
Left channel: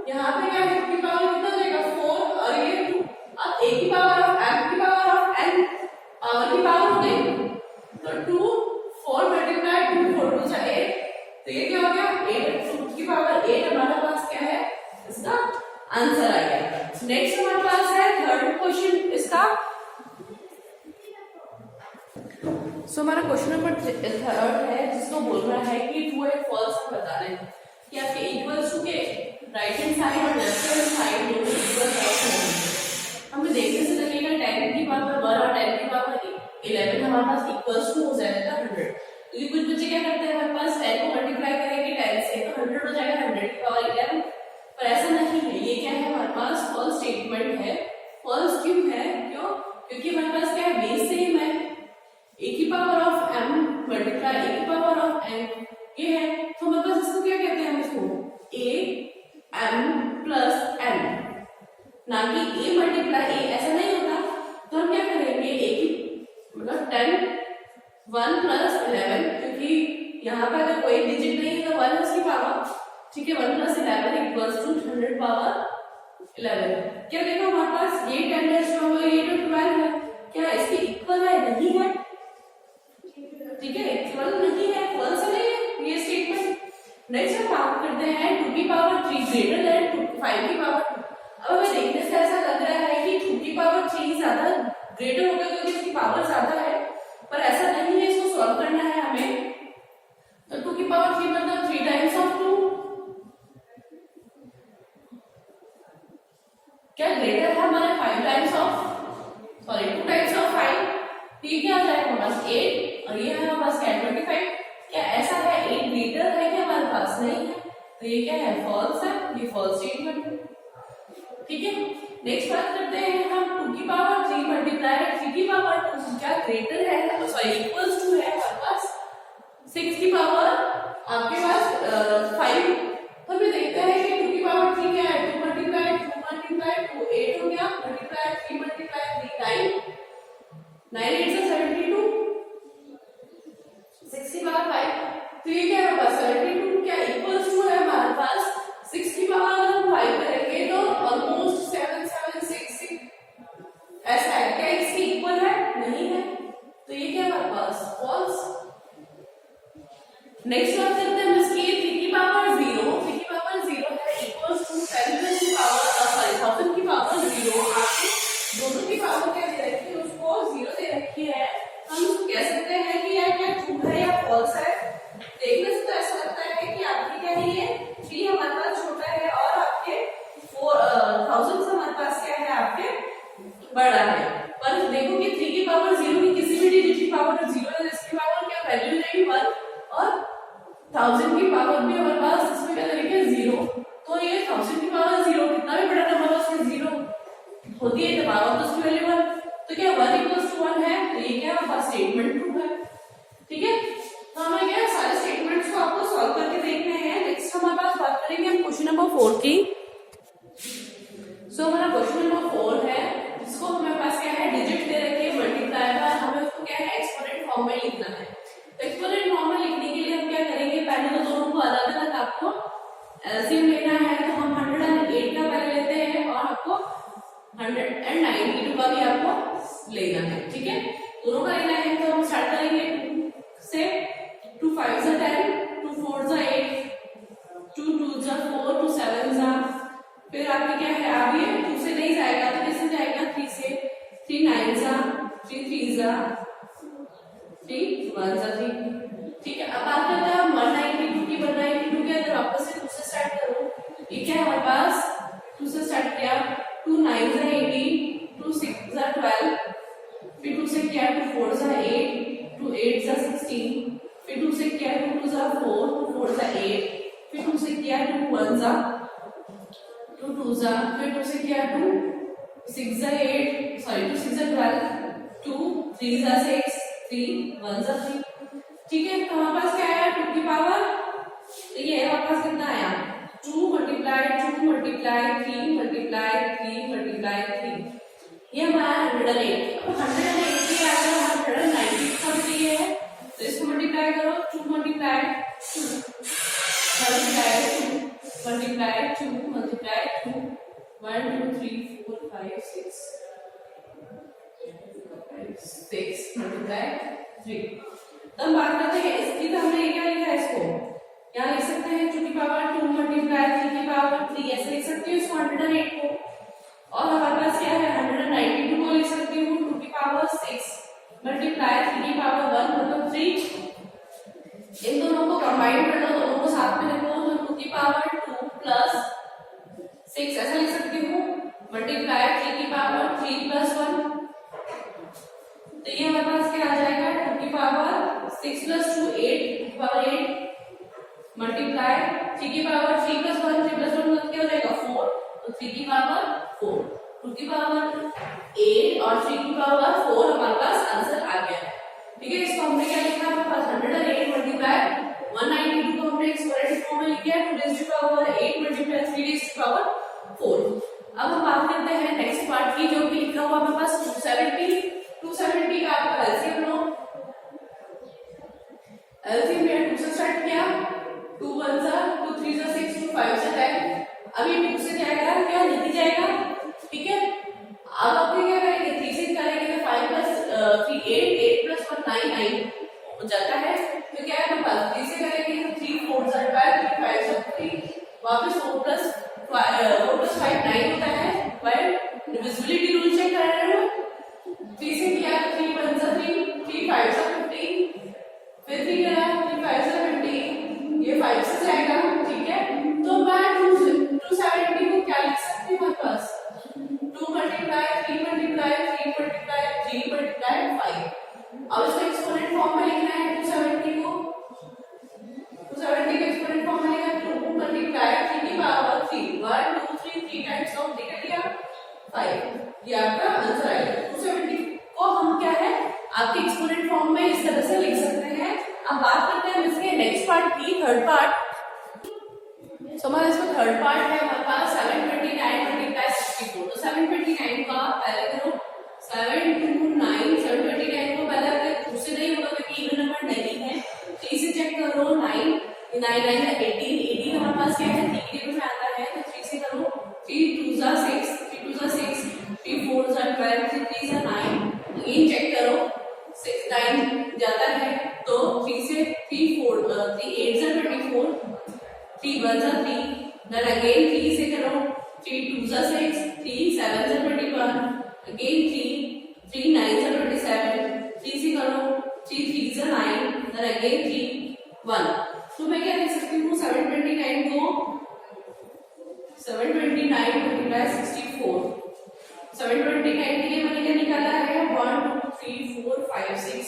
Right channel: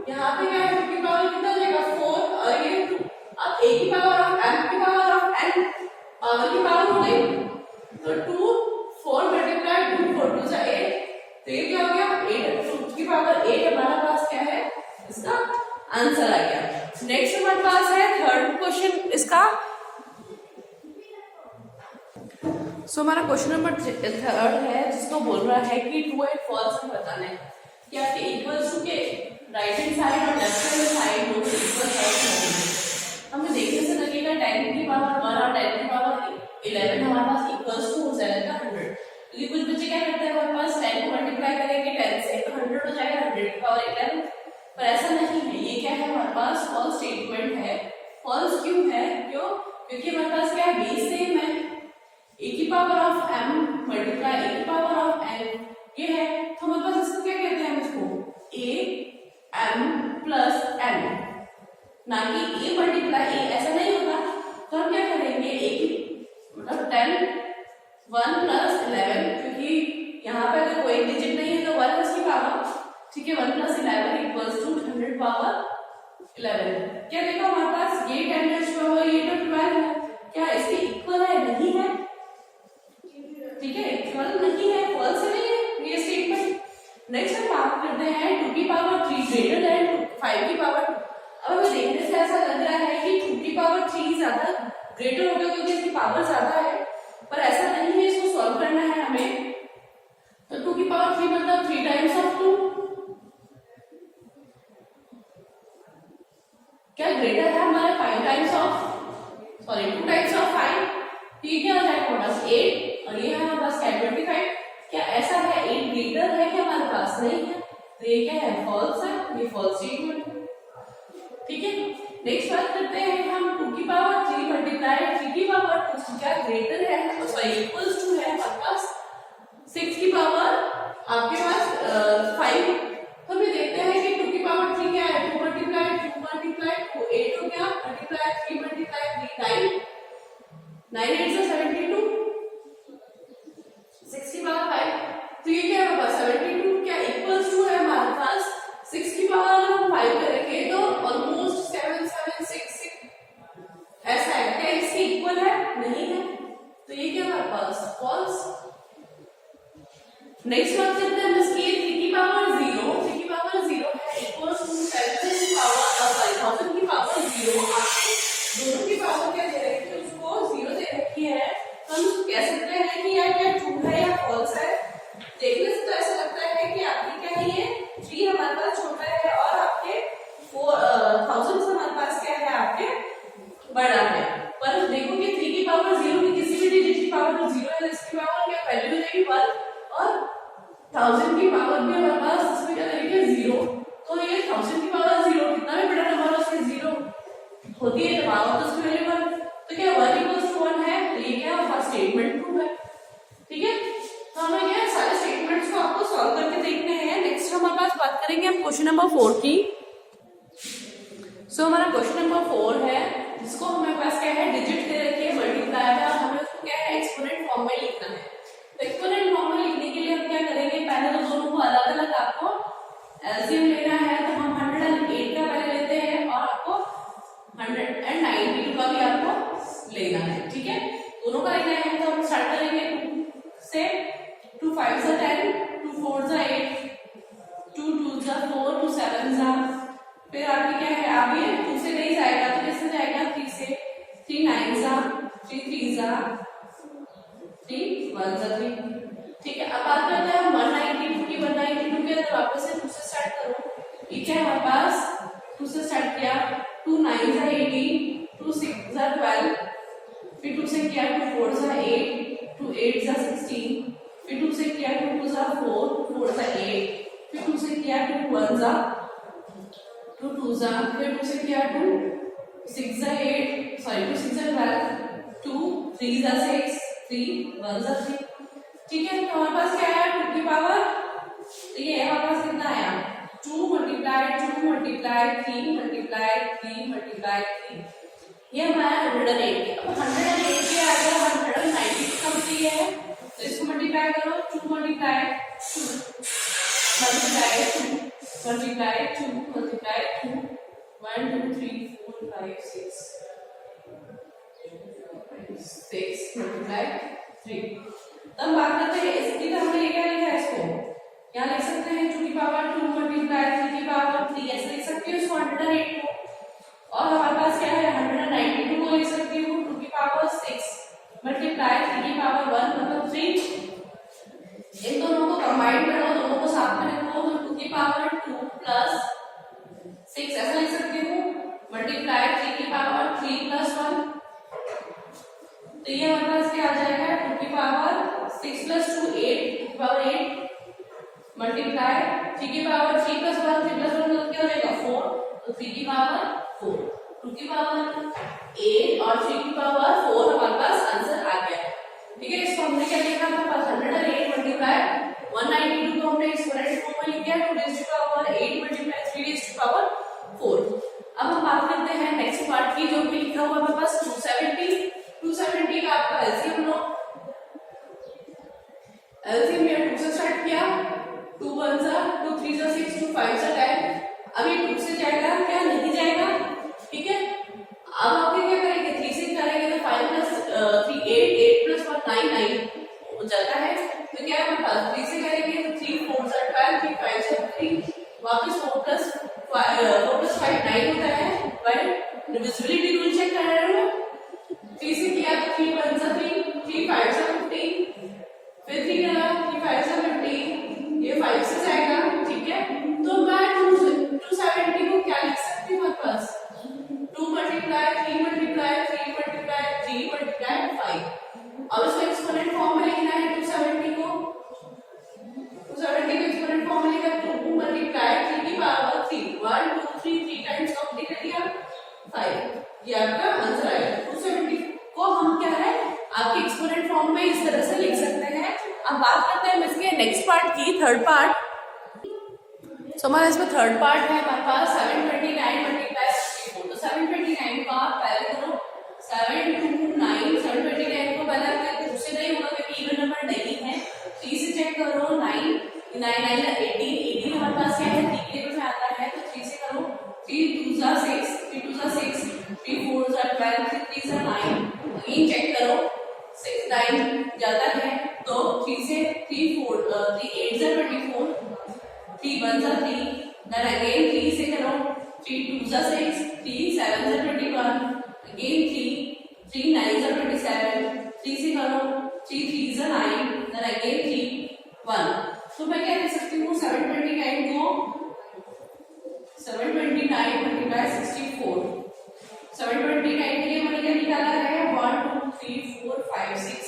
यहाँ पे क्या है 2 की पावर कितना जाएगा 4 और ये 2, अब a की पावर ऑफ m की पावर ऑफ n पावर की पावर हो गई, तो 2 4 मल्टीप्लाई 2 4 2 से 8, तो ये क्या हो गया 8, 2 की पावर 8 हमारे पास क्या है, इसका आंसर आ गया। नेक्स्ट हमारे पास है थर्ड क्वेश्चन इसका। सो हमारा क्वेश्चन नंबर थर्ड है, जिसको बोल रहा है कि ट्रू एंड फॉल्स में बताना है कि आपके इक्वल्स टू के राइट हैंड साइड और लेफ्ट हैंड साइड दोनों इक्वल होंगे। हमें देखने से लगेगा 10 की पावर 1 और 10 की पावर 11 हमारे पास इक्वल्स टू हो जाएगा 100, क्योंकि कुछ बच्चे क्या करते हैं हमारे पास 10 को मल्टीप्लाई करेंगे 10 से तो 100 हो जाएगा 100 की पावर 11, पर ऐसा नहीं है, ये क्या है हमारे पास फॉल्स स्टेटमेंट है। फॉल्स क्यों है, क्यों, क्योंकि हमारे पास क्या है बेस सेम है, a की power of m multiply a की पावर ऑफ n ये है, तो हमारे पास इसको क्या कहते हैं, हम इसको a m प्लस n, ना कि a मल्टीप्लाई a, ऐसा नहीं होगा। तो हम क्या करेंगे, a की मतलब 10 1 प्लस 11, क्योंकि यहाँ पे अगर कोई डिजिट नहीं है तो 1 इसकी पावर, ठीक है, 1 प्लस 11 इक्वल्स टू 100 पावर 11। क्या देखा हमारे पास ये 10 डैश पावर ये तो 12 है, क्या इसके इक्वल है, नहीं है, ठीक है, इक्वल नहीं है, फॉल्स नहीं है ये स्टेटमेंट। नेक्स्ट हम बात करते हैं 2 की पावर 3 ग्रेटर देन 5 की पावर 2। अब हमें देखने से ऐसा लग रहा है कि 2 की पावर 3 ज्यादा ग्रेटर होगा क्योंकि इसकी पावर ज्यादा है, पर ऐसा नहीं है, इसको सॉल्व करना है हमें। तो 2 की पावर 3 मतलब 3 टाइम्स ऑफ 2, क्या ग्रेटर है हमारे 5 times of, sorry 2 times of 5, ठीक है, आ जाएगा हमारे पास 8 और ये है हमारे पास 25। क्या ऐसा है 8 ग्रेटर है कि हमारे पास नहीं है, तो ये क्या है फॉल्स है, ये फॉल्स स्टेटमेंट है, ठीक है। नेक्स्ट बात करते हैं हम 2 की पावर 3 मल्टीप्लाई 3 की पावर 2 क्या ग्रेटर है, सॉरी इक्वल्स टू है हमारे पास 6 की पावर आपके पास 5। तो हम ये देखते हैं कि 2 की पावर 3 क्या है, 2 मल्टीप्लाई 2 मल्टीप्लाई 2 8 हो गया, मल्टीप्लाई 3 मल्टीप्लाई 3 9 9 8 से 72, 6 की पावर 5, तो ये क्या है हमारे पास 72 क्या इक्वल्स टू है हमारे पास 6 की पावर अगर हम 5 करेंगे तो ऑलमोस्ट 7 7 6 6 ऐसा है, क्या इसके इक्वल है, नहीं है, तो ये क्या हमारे पास फॉल्स। नेक्स्ट बात करते हैं हम इसकी 3 की पावर 0 है इक्वल्स टू 10 की पावर सॉरी 1000 की पावर 0, आपके दोनों की पावर क्या दे रखी है, उसको 0 दे रखी है, तो हम कह सकते हैं कि या क्या ट्रू है या फॉल्स है। देखने से तो ऐसा लगता है कि आपकी क्या है ये 3 हमारे पास छोटा है और आपके 4000 से हमारे पास क्या है आपके बड़ा है, पर देखो कि 3 की पावर 0 की किसी भी डिजिट की पावर 0 है, इसकी पावर क्या वैल्यू हो जाएगी 1 और 1000 की पावर भी हमारे पास इसमें क्या करेंगे 0, तो ये 1000 की पावर 0 कितना भी बड़ा नंबर हो उसमें 0 होती है, तो पावर तो उसकी वैल्यू 1, तो क्या 1 इक्वल्स टू 1 है, तो ये क्या हमारा स्टेटमेंट ट्रू है, ठीक है। तो हमें क्या सारे स्टेटमेंट्स को आपको सॉल्व करके देखने हैं। नेक्स्ट हमारे पास बात करेंगे हम क्वेश्चन नंबर 4 की। सो हमारा क्वेश्चन नंबर 4 है, जिसको हमें पास क्या है डिजिट दे रखे मल्टीप्लाई है, हमें उसको क्या है एक्सपोनेंट फॉर्म में लिखना है। तो एक्सपोनेंट फॉर्म में लिखने के लिए हम क्या करेंगे, पहले तो दोनों को अलग अलग आपको एलसीएम लेना है, तो हम 108 का पहले लेते हैं और आपको 192 का भी आपको लेना है, ठीक है। दोनों का लेना है तो हम स्टार्ट करेंगे 2 से। 2 5 जा 10, 2 4 जा 8, 2 2 जा 4, 2 7 जा, फिर आगे क्या है, आगे 2 से नहीं जाएगा तो कैसे जाएगा, 3 से, 3 9 जा, 3 3 जा, 3 1 जा 3, ठीक है। अब बात करते हैं हम 192 की। 192 के अंदर वापस से 2 से स्टार्ट करो। ये क्या है हमारे पास, 2 से स्टार्ट किया, 2 9 जा 18, 2 6 जा 12, फिर 2 से किया 2 4 जा 8, 2 8 जा 16, फिर 2 से किया 2 2 जा 4, 2 4 जा 8, फिर 2 से किया 2 1 जा 2 2 जा, फिर 2 से किया 2 6 जा 8, सॉरी 2 6 जा 12, 2 3 जा 6, 3 1 जा 3, ठीक है। तो हमारे पास क्या आया, 2 की पावर, ये हमारे पास कितना आया, 2 मल्टीप्लाई 2 मल्टीप्लाई 3 मल्टीप्लाई 3 मल्टीप्लाई 3, ये हमारा 108। अब 108 के आगे 190 समझी है तो इसको मल्टीप्लाई करो, 2 multiply 2 multiply 2 multiply 2 multiply 2, 1 2 3 4 5 6 multiply 3। तब बात करते हैं इसकी, तो हमने क्या लिखा है, इसको यहाँ लिख सकते हैं 2 की पावर 2 मल्टीप्लाई 3 की पावर 3, ऐसे लिख सकते हो इसको 108 को। और हमारे पास क्या है, 192 को लिख सकती हूँ 2 की पावर 6 मल्टीप्लाई 3 की पावर 1 मतलब 3। इन दोनों को कंबाइन कर लो, दोनों को साथ में लिखो तो 2 की पावर 2 प्लस 6 ऐसा लिख सकती हूँ, मल्टीप्लाई 3 की पावर 3 प्लस 1, तो ये हमारे पास क्या आ जाएगा, 2 की पावर 6 प्लस 2 8, 2 की पावर 8 मल्टीप्लाई 3 की पावर 3 प्लस 1, 3 प्लस 1 मतलब क्या हो जाएगा 4, तो 3 की पावर 4, 2 की पावर 8 और 3 की पावर 4 हमारे पास आंसर आ गया, ठीक है। इसको हमने क्या लिखा, हमारे पास 108 मल्टीप्लाई 192 को हमने एक्सपोनेंट फॉर्म में लिख दिया, 2 raise to power 8 multiply 3 raise to power 4। अब हम बात करते हैं नेक्स्ट पार्ट की, जो कि लिखा हुआ हमारे पास 270 का आपका एलसीएम लो। एलसीएम में 2 से स्टार्ट किया, 2 1 जा 2 3 जा 6, 2 5 जा 10, अब ये 2 से जाएगा क्या, नहीं जाएगा, ठीक है। अब आप क्या करेंगे, 3 से करेंगे तो 5 प्लस 3 8, 8 प्लस 1 9 9 जाता है, तो क्या है हमारे पास 3 से करेंगे तो 3 4 जा 12, 3 5 जा 3, वापस 4 प्लस 5 9 होता है, वाइल डिविजिबिलिटी रूल चेक कर रहे हो, 3 से किया तो 3 1 जा 3, 3 5 जा 15, फिर 3 किया 3 5 जा 15, ये 5 से जाएगा, ठीक है। तो मैं 270 को क्या लिख सकती हूँ, हमारे पास 2 मल्टीप्लाई 3 मल्टीप्लाई 3 मल्टीप्लाई 3 मल्टीप्लाई 5। अब इसको एक्सपोनेंट फॉर्म में लिखना है, 270 को एक्सपोनेंट फॉर्म में लिखा, 2 मल्टीप्लाई 3 की पावर 3, 1 2 3 3 टाइम्स काउंट कर लिया 5, ये आपका आंसर आएगा। 270 को हम क्या है आपके एक्सपोनेंट फॉर्म में इस तरह से लिख सकते हैं। अब बात करते हैं इसके नेक्स्ट पार्ट की, थर्ड पार्ट। तो हमारे इसमें थर्ड पार्ट है हमारे पास 729 मल्टीप्लाई 64। तो 729 को आप पहले करो 729, 729 को पहले आपके 2 से नहीं होगा क्योंकि इवन नंबर नहीं है, 3 से चेक करो 9 9 9 18, 18 हमारे पास क्या है 3 टेबल में आता है, तो 3 से करो 3 2 जा 6, 3 2 जा 6, 3 4 जा 12, 3 3 जा 9, अगेन चेक करो 6 9 जाता है, तो 3 से 3 4 3 8 जा 24, 3 1 जा 3, then again 3 से करो 3 2 जा 6, 3 7 जा 21, again 3 9 जा 27, 3 से करो 3 3 जा 9, then again 3 1। तो मैं क्या लिख सकती हूँ 729 को 729 मल्टीप्लाई 64। 729 के लिए मैंने क्या निकाला है 1 2 3 4 5 6,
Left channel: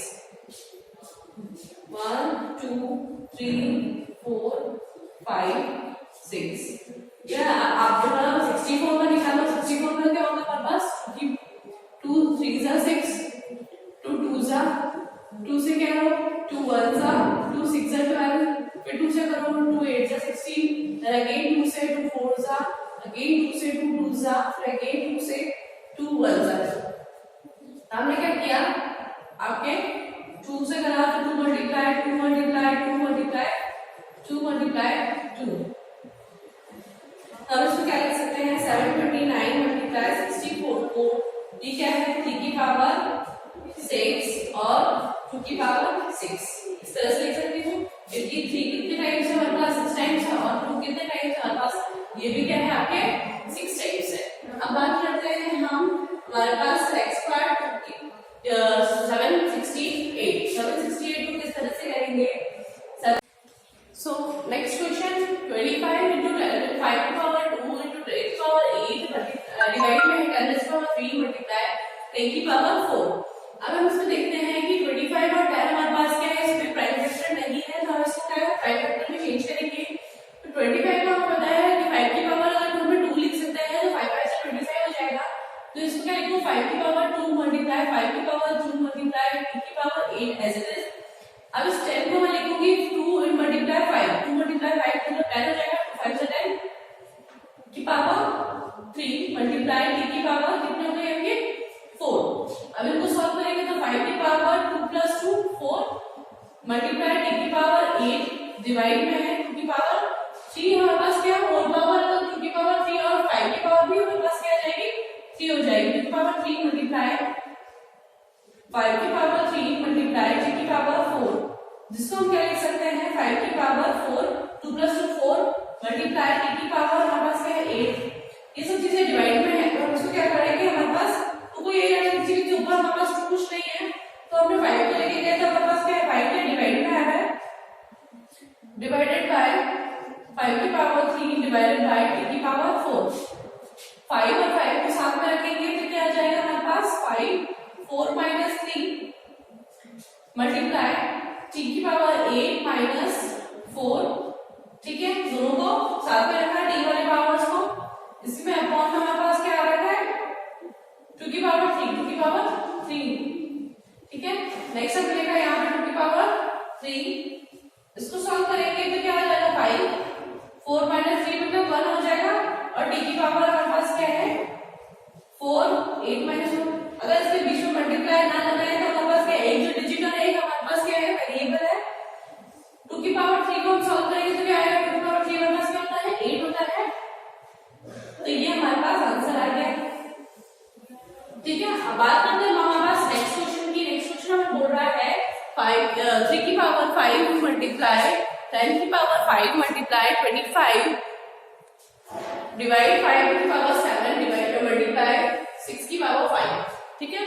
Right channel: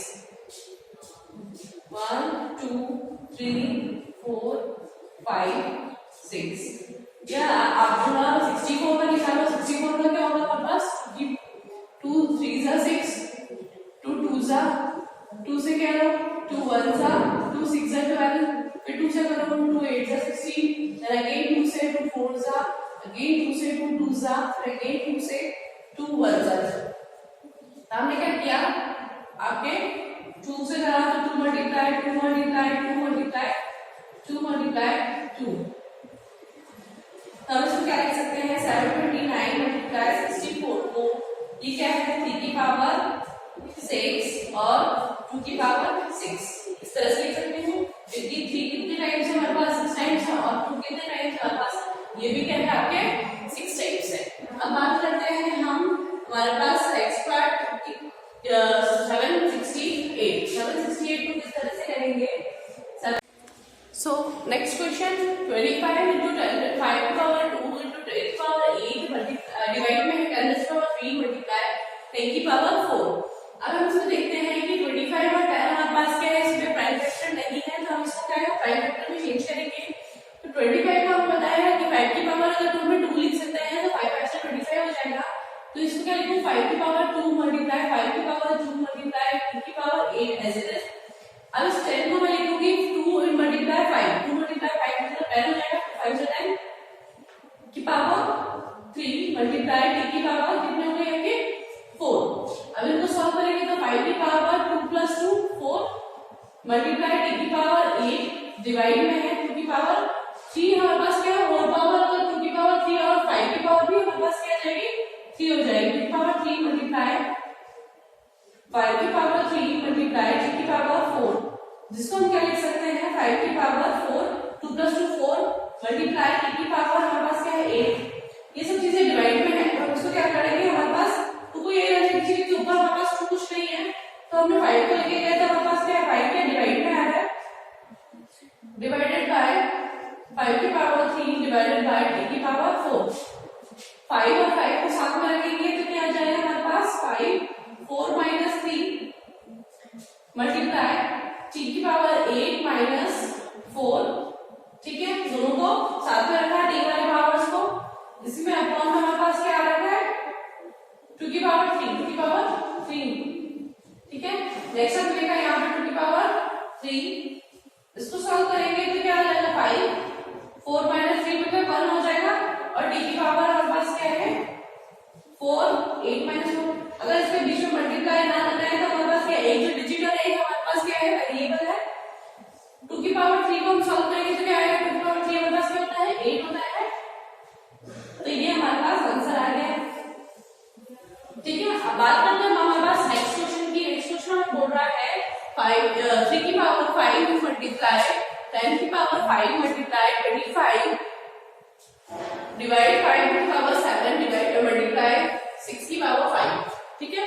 1 2 3 4 5 6, या आप बोला 64 का निकालो। 64 का क्या होगा हमारे पास, 2 3 जा 6, 2 2 जा 2 से क्या लो 2 1 जा 2 6 जा 12, फिर 2 से करो 2 8 जा 16, then again 2 से 2 4 जा, again 2 से 2 2 जा, फिर again 2 से 2 1 जा। हमने क्या किया, आपके 2 से करा तो 2 मल्टीप्लाई 2 मल्टीप्लाई 2 मल्टीप्लाई 2 मल्टीप्लाई 2। तब इसको क्या लिख सकते हैं 729 multiply 64 10 raised to power 3 multiply 10 की पावर 4। अब हम इसमें देखते हैं कि 25 और 10 हमारे पास क्या है, इसमें प्राइम फैक्टर नहीं है, तो हम इसको क्या है प्राइम फैक्टर में चेंज करेंगे। तो 25 को हमें पता है कि 5 की पावर अगर 2 में 2 लिख सकते हैं तो 5 5 से 25 हो जाएगा। तो इसको क्या लिखूं, 5 की पावर 2 मल्टीप्लाई 5 की पावर 2 मल्टीप्लाई 2 की पावर 8 एज इट इज। अब इस 10 को मैं लिखूंगी 2 मल्टीप्लाई 5, 2 मल्टीप्लाई 5 मतलब 10 हो जाएगा, 5 से 10 की पावर 3 मल्टीप्लाई t की पावर कितने हो गए होंगे 4। अब इनको सॉल्व करेंगे तो 5 की पावर 2 प्लस 2 4 मल्टीप्लाई t की पावर 8 डिवाइड में है 2 की पावर 3। हमारे पास क्या है होल पावर, अगर 2 की पावर 3 और 5 की पावर भी हमारे पास क्या आ जाएगी 3 हो जाएगी। 2 की पावर 3 मल्टीप्लाई 5 की पावर 3 मल्टीप्लाई t की पावर 4, जिसको हम क्या लिख सकते हैं 5 की पावर 4 2 प्लस 2 4 मल्टीप्लाई t की पावर हमारे पास क्या है 8। ये सब चीजें डिवाइड में है, और इसको क्या करेंगे हमारे पास को ये किसी के ऊपर हमारे पास कुछ नहीं है, तो हमने 5 को लेके गए तो हमारे पास क्या है 5 के डिवाइड में आ रहा है, डिवाइडेड बाय 5 की पावर 3 डिवाइडेड बाय t की पावर 4। 5 और 5 को साथ में रखेंगे तो क्या आ जाएगा हमारे पास 5 4 माइनस 3 मल्टीप्लाई t की पावर 8 माइनस 4। ठीक है, दोनों को साथ में रखा t वाले पावर्स को, इसी में अपॉन में हमारे पास क्या आ रहा है 2 की पावर 3 2 की पावर 3। ठीक है, नेक्स्ट अब लिखा यहाँ पे 2 की पावर 3, इसको सॉल्व करेंगे तो क्या आ जाएगा 5 4 माइनस 3 मतलब 1 हो जाएगा, और t की पावर हमारे पास क्या है 4 8 माइनस 4। अगर इसके बीच में मल्टीप्लाई ना लगाए तो हमारे पास क्या है एक जो डिजिटल है हमारे पास क्या है वेरिएबल है। 2 की पावर 3 को हम सॉल्व करेंगे तो क्या आएगा 2 की पावर 3 हमारे पास क्या होता है 8 होता है। तो ये हमारे पास आंसर आ गया। ठीक है, अब बात करते हैं हमारे पास नेक्स्ट क्वेश्चन की। नेक्स्ट क्वेश्चन हमें बोल रहा है 3 की पावर 5 मल्टीप्लाई 10 की पावर 5 मल्टीप्लाई 25 डिवाइड 5 की पावर 7 डिवाइड मल्टीप्लाई 6 की पावर 5। ठीक है,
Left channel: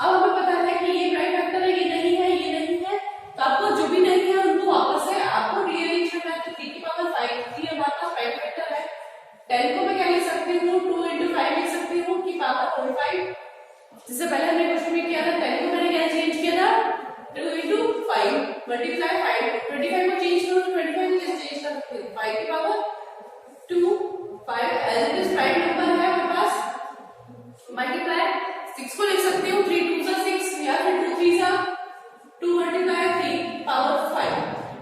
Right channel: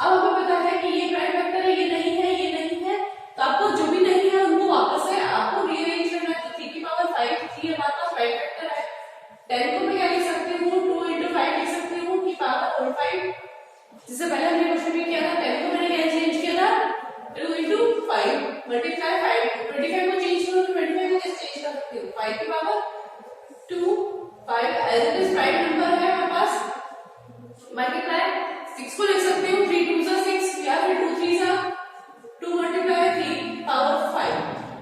अब हमें पता है कि ये प्राइम फैक्टर है, ये नहीं है, ये नहीं है, तो आपको जो भी नहीं है उनको वापस से आपको रीअरेंज करना है। तो 3 की पावर 5 3 हमारे पास प्राइम फैक्टर है। 10 को मैं क्या लिख सकती हूँ 2 into 5 लिख सकती हूँ की पावर होल 5। जिससे पहले हमने क्वेश्चन में किया था 10 को मैंने क्या चेंज किया था 2 into 5 मल्टीप्लाई 5 25 को चेंज करो तो 25 को कैसे चेंज कर सकती हूँ 5 की power 2 5 as it is prime number है हमारे पास मल्टीप्लाई 6 को लिख सकती हूँ 3 2 सा 6 या फिर 2 3 सा 2 मल्टीप्लाई 3 पावर 5।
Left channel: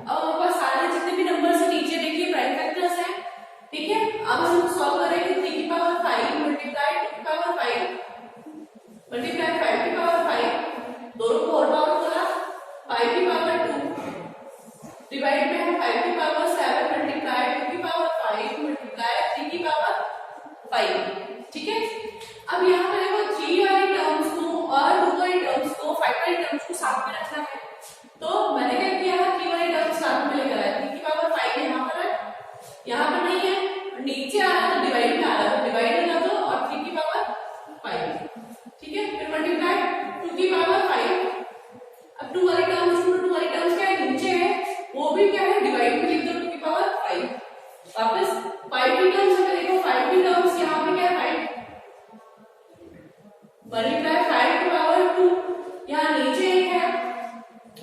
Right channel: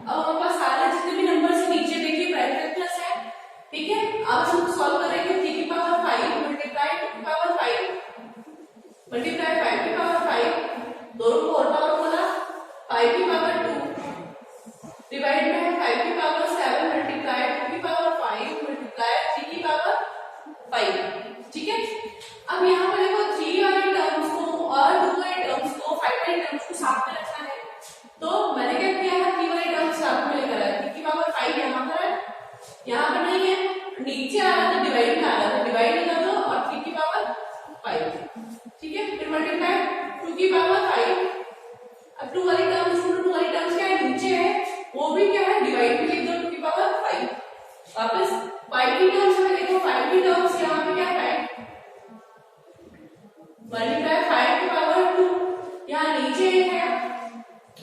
अब हमारे पास सारे जितने भी नंबर से नीचे देखिए प्राइम फैक्टर्स है। ठीक है, अब हम सॉल्व करेंगे 3 की पावर 5 मल्टीप्लाई 2 की पावर 5 मल्टीप्लाई 5 की पावर 5 दोनों को होल पावर बोला 5 की पावर 2 डिवाइड में है 5 की पावर 7 मल्टीप्लाई 2 की पावर 5 मल्टीप्लाई 3 की पावर 5। ठीक है, अब यहाँ पर देखो 3 वाली टर्म्स को और 2 वाली टर्म्स को 5 वाली टर्म्स को साथ में रखना है, तो मैंने क्या किया है 3 वाली टर्म्स साथ में लेकर आया। 3 की पावर 5 यहाँ पर है, यहाँ पर नहीं है, नीचे आ रहा था डिवाइड में आ रहा था, डिवाइड लगा दो और 3 की पावर 5। ठीक है, फिर मल्टीप्लाई 2 की पावर 5। अब 2 वाली टर्म्स क्या है नीचे है, वो भी क्या है डिवाइड में लिख दो 2 की पावर 5। वापस 5 की टर्म्स में देखो 5 की टर्म्स यहाँ पे क्या है 5 मल्टीप्लाई 5 की पावर 2 यहाँ नीचे एक है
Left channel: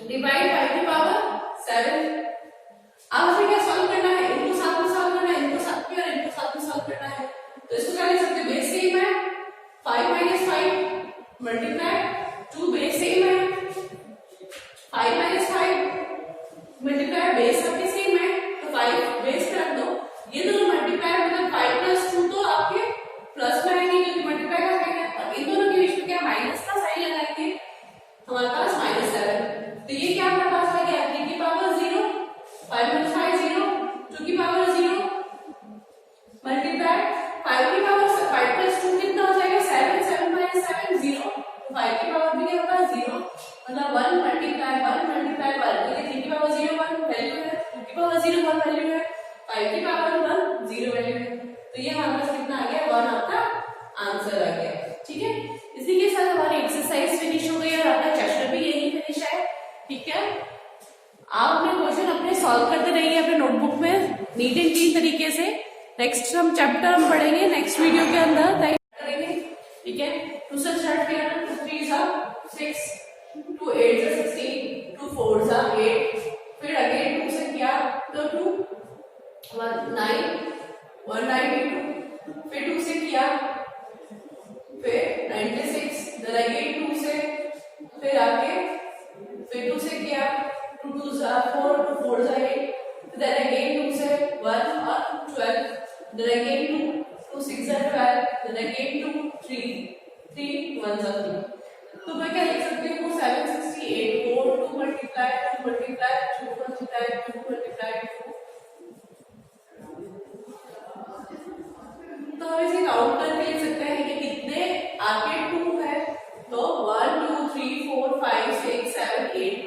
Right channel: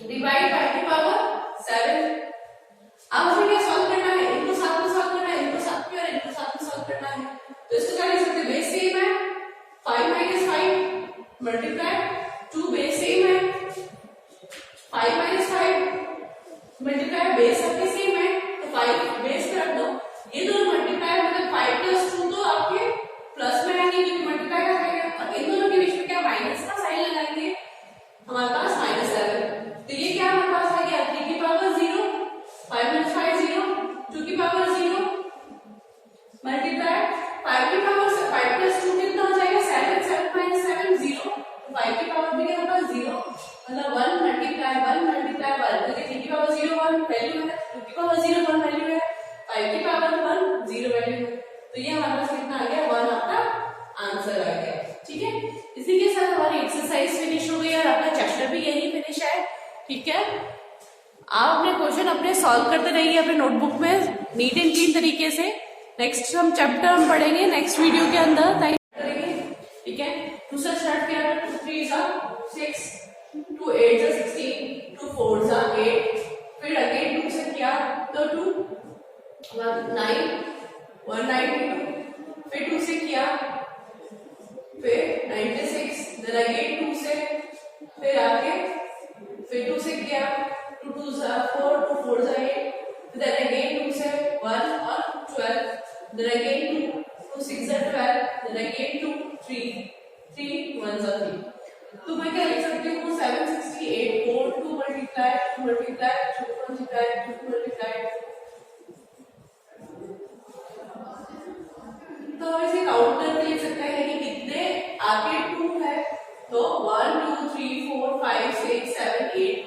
डिवाइड 5 की पावर 7। अब हमें क्या सॉल्व करना है, इनको साथ में सॉल्व करना है, इनको साथ में और इनको साथ में सॉल्व करना है। तो इसको क्या लिख सकते हैं बेस सेम है 5 माइनस 5 मल्टीप्लाई 2 बेस सेम है 5 माइनस 5 मल्टीप्लाई बेस आपके सेम है तो 5 बेस पे रख दो। ये दोनों मल्टीप्लाई मतलब 5 प्लस 2 तो आपके प्लस में आएंगे क्योंकि मल्टीप्लाई का है, और इन दोनों के बीच में क्या माइनस का साइन लगाएंगे हमारे पास -7। तो ये क्या हमारे पास आ गया 3 की पावर 0 5 minus 5 0 2 की पावर 0 मल्टीप्लाई 5 की पावर 5 प्लस 2 कितना हो जाएगा 7 7 minus 7 0 तो 5 की पावर भी क्या होगा 0 मतलब 1 मल्टीप्लाई 1 मल्टीप्लाई 1 क्योंकि 3 की पावर 0 1 वैल्यू है, 2 की पावर 0 1 वैल्यू है, 5 की पावर 1 0 वैल्यू है। तो ये हमारे पास कितना आ गया 1 आपका आंसर आ गया। ठीक है, इसी के साथ हमारी एक्सरसाइज फिनिश हो गई और आपका चैप्टर भी यही फिनिश है। ठीक है, आप अपने क्वेश्चन अपने सॉल्व करते रहिए अपने नोटबुक में नीट एंड क्लीन तरीके से। नेक्स्ट हम चैप्टर हम पढ़ेंगे नेक्स्ट वीडियो के अंदर करेंगे। 2 से स्टार्ट किया ना, 2 3 जा 6, 2 8 जा 16, 2 4 जा 8, फिर अगेन 2 से किया तो 2 1 9 1 9 फिर 2 से किया, फिर 96, देन अगेन 2 से, फिर आके फिर 2 से किया, 2 2 जा 4, 2 4 जा 8, देन अगेन 2 से 1 और 12, देन अगेन 2 2 6 जा 12, देन अगेन 2 3 3 1 जा 3। तो मैं क्या लिख सकती हूँ 768 को 2 मल्टीप्लाई 2 मल्टीप्लाई 2 मल्टीप्लाई 2 मल्टीप्लाई 2, तो हम इसे काउंट करके लिख सकते हैं कि कितने आगे 2 है, तो 1 2 3 4 5 6 7 8,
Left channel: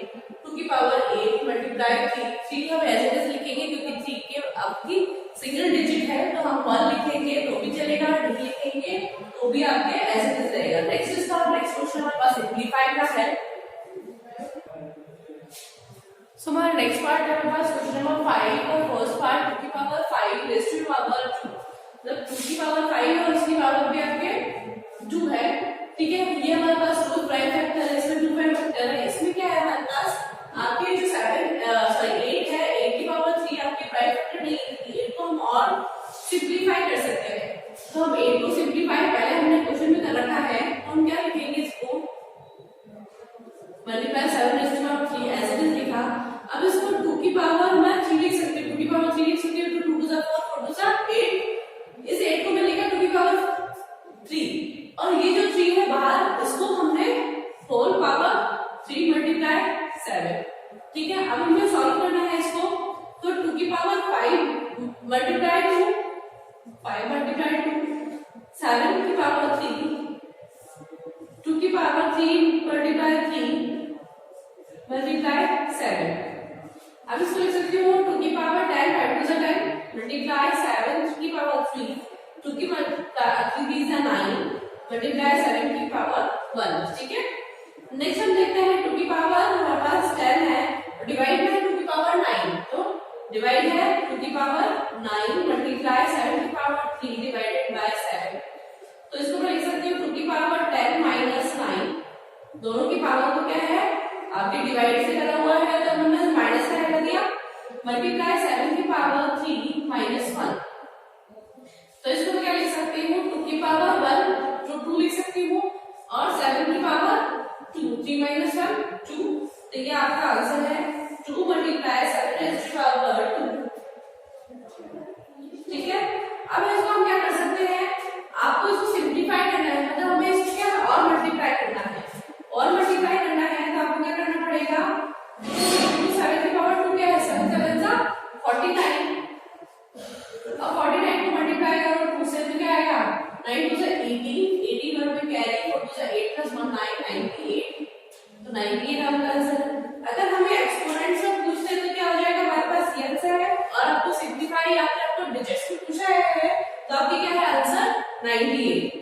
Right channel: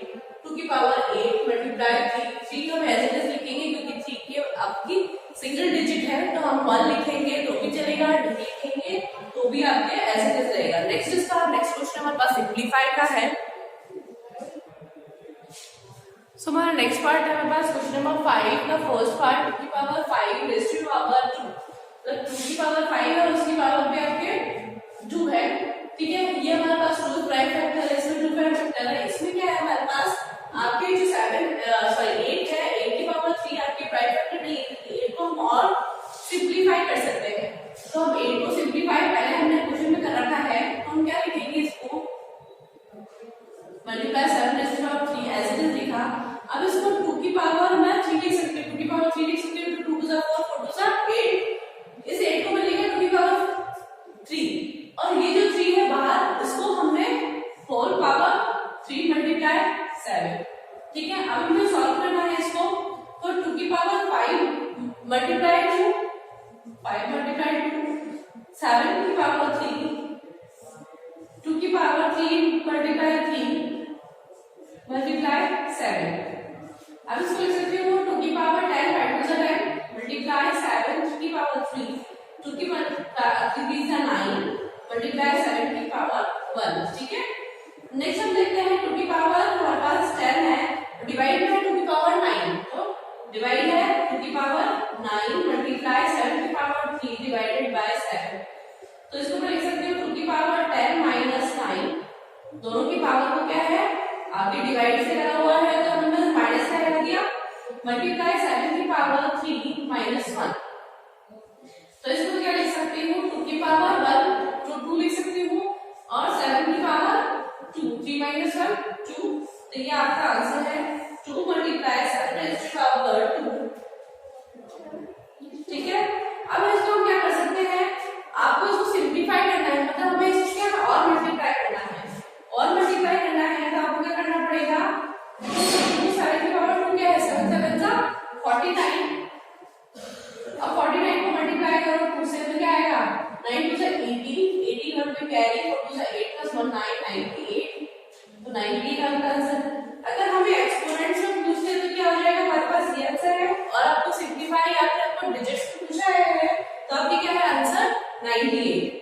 2 की पावर 8 मल्टीप्लाई 3 हम एज इट इज लिखेंगे क्योंकि 3 के आपकी सिंगल डिजिट है, तो हम 1 लिखेंगे तो भी चलेगा, 2 लिखेंगे तो भी आपके एज इट इज रहेगा। नेक्स्ट इसका नेक्स्ट क्वेश्चन हमारे पास सिंपलीफाई का है। सो हमारा नेक्स्ट पार्ट है हमारे पास क्वेश्चन नंबर 5 का फर्स्ट पार्ट 2 की पावर 5 रेज़ टू पावर 2, मतलब 2 की पावर 5 है और उसकी पावर भी आपके 2 है, ठीक है। ये हमारे पास 2 प्राइम फैक्टर है, इसमें 2 प्राइम फैक्टर है, इसमें क्या है हमारे पास आपके जो 8 है, 8 की पावर 3 आपके प्राइम फैक्टर नहीं है, 8 को हम और सिंपलीफाई कर सकते हैं। तो हम 8 को सिंपलीफाई पहले हमने क्वेश्चन में कर रखा है, तो हम क्या लिखेंगे, इसको multiply 7 raise to power 3 as it is लिखा। अब इसको 2 की पावर मैं 3 लिख सकती हूँ, 2 की पावर 3 लिख सकती हूँ, तो 2 टू 4 4 टू 8, इस 8 को मैं लिखा 2 की पावर 3 और ये जो 3 है बाहर, इसको हमने होल पावर 3 मल्टीप्लाई 7, ठीक है। अब हमें सॉल्व करना है इसको, तो 2 की पावर 5 मल्टीप्लाई 2 5 मल्टीप्लाई 2 7 की पावर 3 2 की पावर 3 मल्टीप्लाई 3 मल्टीप्लाई 7। अब इसको लिख सकती हूँ 2 की पावर 10 5 टू 10 मल्टीप्लाई 7 की पावर 3 2 की पावर 3 9 मल्टीप्लाई 7 की पावर 1, ठीक है। नेक्स्ट हम देखते हैं 2 की पावर हमारे पास 10 है, डिवाइड है 2 की पावर 9, तो डिवाइड है 2 की पावर 9 मल्टीप्लाई 7 की पावर 3 डिवाइडेड बाय 7, तो इसको मैं लिख सकती हूँ 2 की पावर 10 माइनस 9, दोनों की पावर को क्या है आपके डिवाइड से लगा हुआ है, तो हमने माइनस का लगा दिया, मल्टीप्लाई 7 की पावर 3 माइनस 1, तो इसको मैं क्या लिख सकती हूँ 2 की पावर 1 जो 2 लिख सकती हूँ और 7 की पावर 2 3 माइनस 1 2, तो ये आपका आंसर है 2 मल्टीप्लाई 7 रेज़ टू पावर 2, ठीक है। अब इसको हम क्या कर सकते हैं, आपको इसको सिंपलीफाई करना है, मतलब हमें इसको क्या और मल्टीप्लाई करना है, और मल्टीप्लाई करना है तो आपको क्या करना पड़ेगा, 7 की पावर 2 क्या है 7 7 जा 49, अब 49 को मल्टीप्लाई करो 2 से तो क्या आएगा 9 टू 18 81 पे कैरी 4 टू 8 प्लस 1 9 98, तो 98 आपका आंसर। अगर हमें एक्सपोनेंट्स में पूछते हैं तो क्या हो जाएगा, हमारे पास ये आंसर है, और आपको सिंपलीफाई या फिर आपको डिजिट्स में पूछा है तो आपकी क्या है आंसर 98।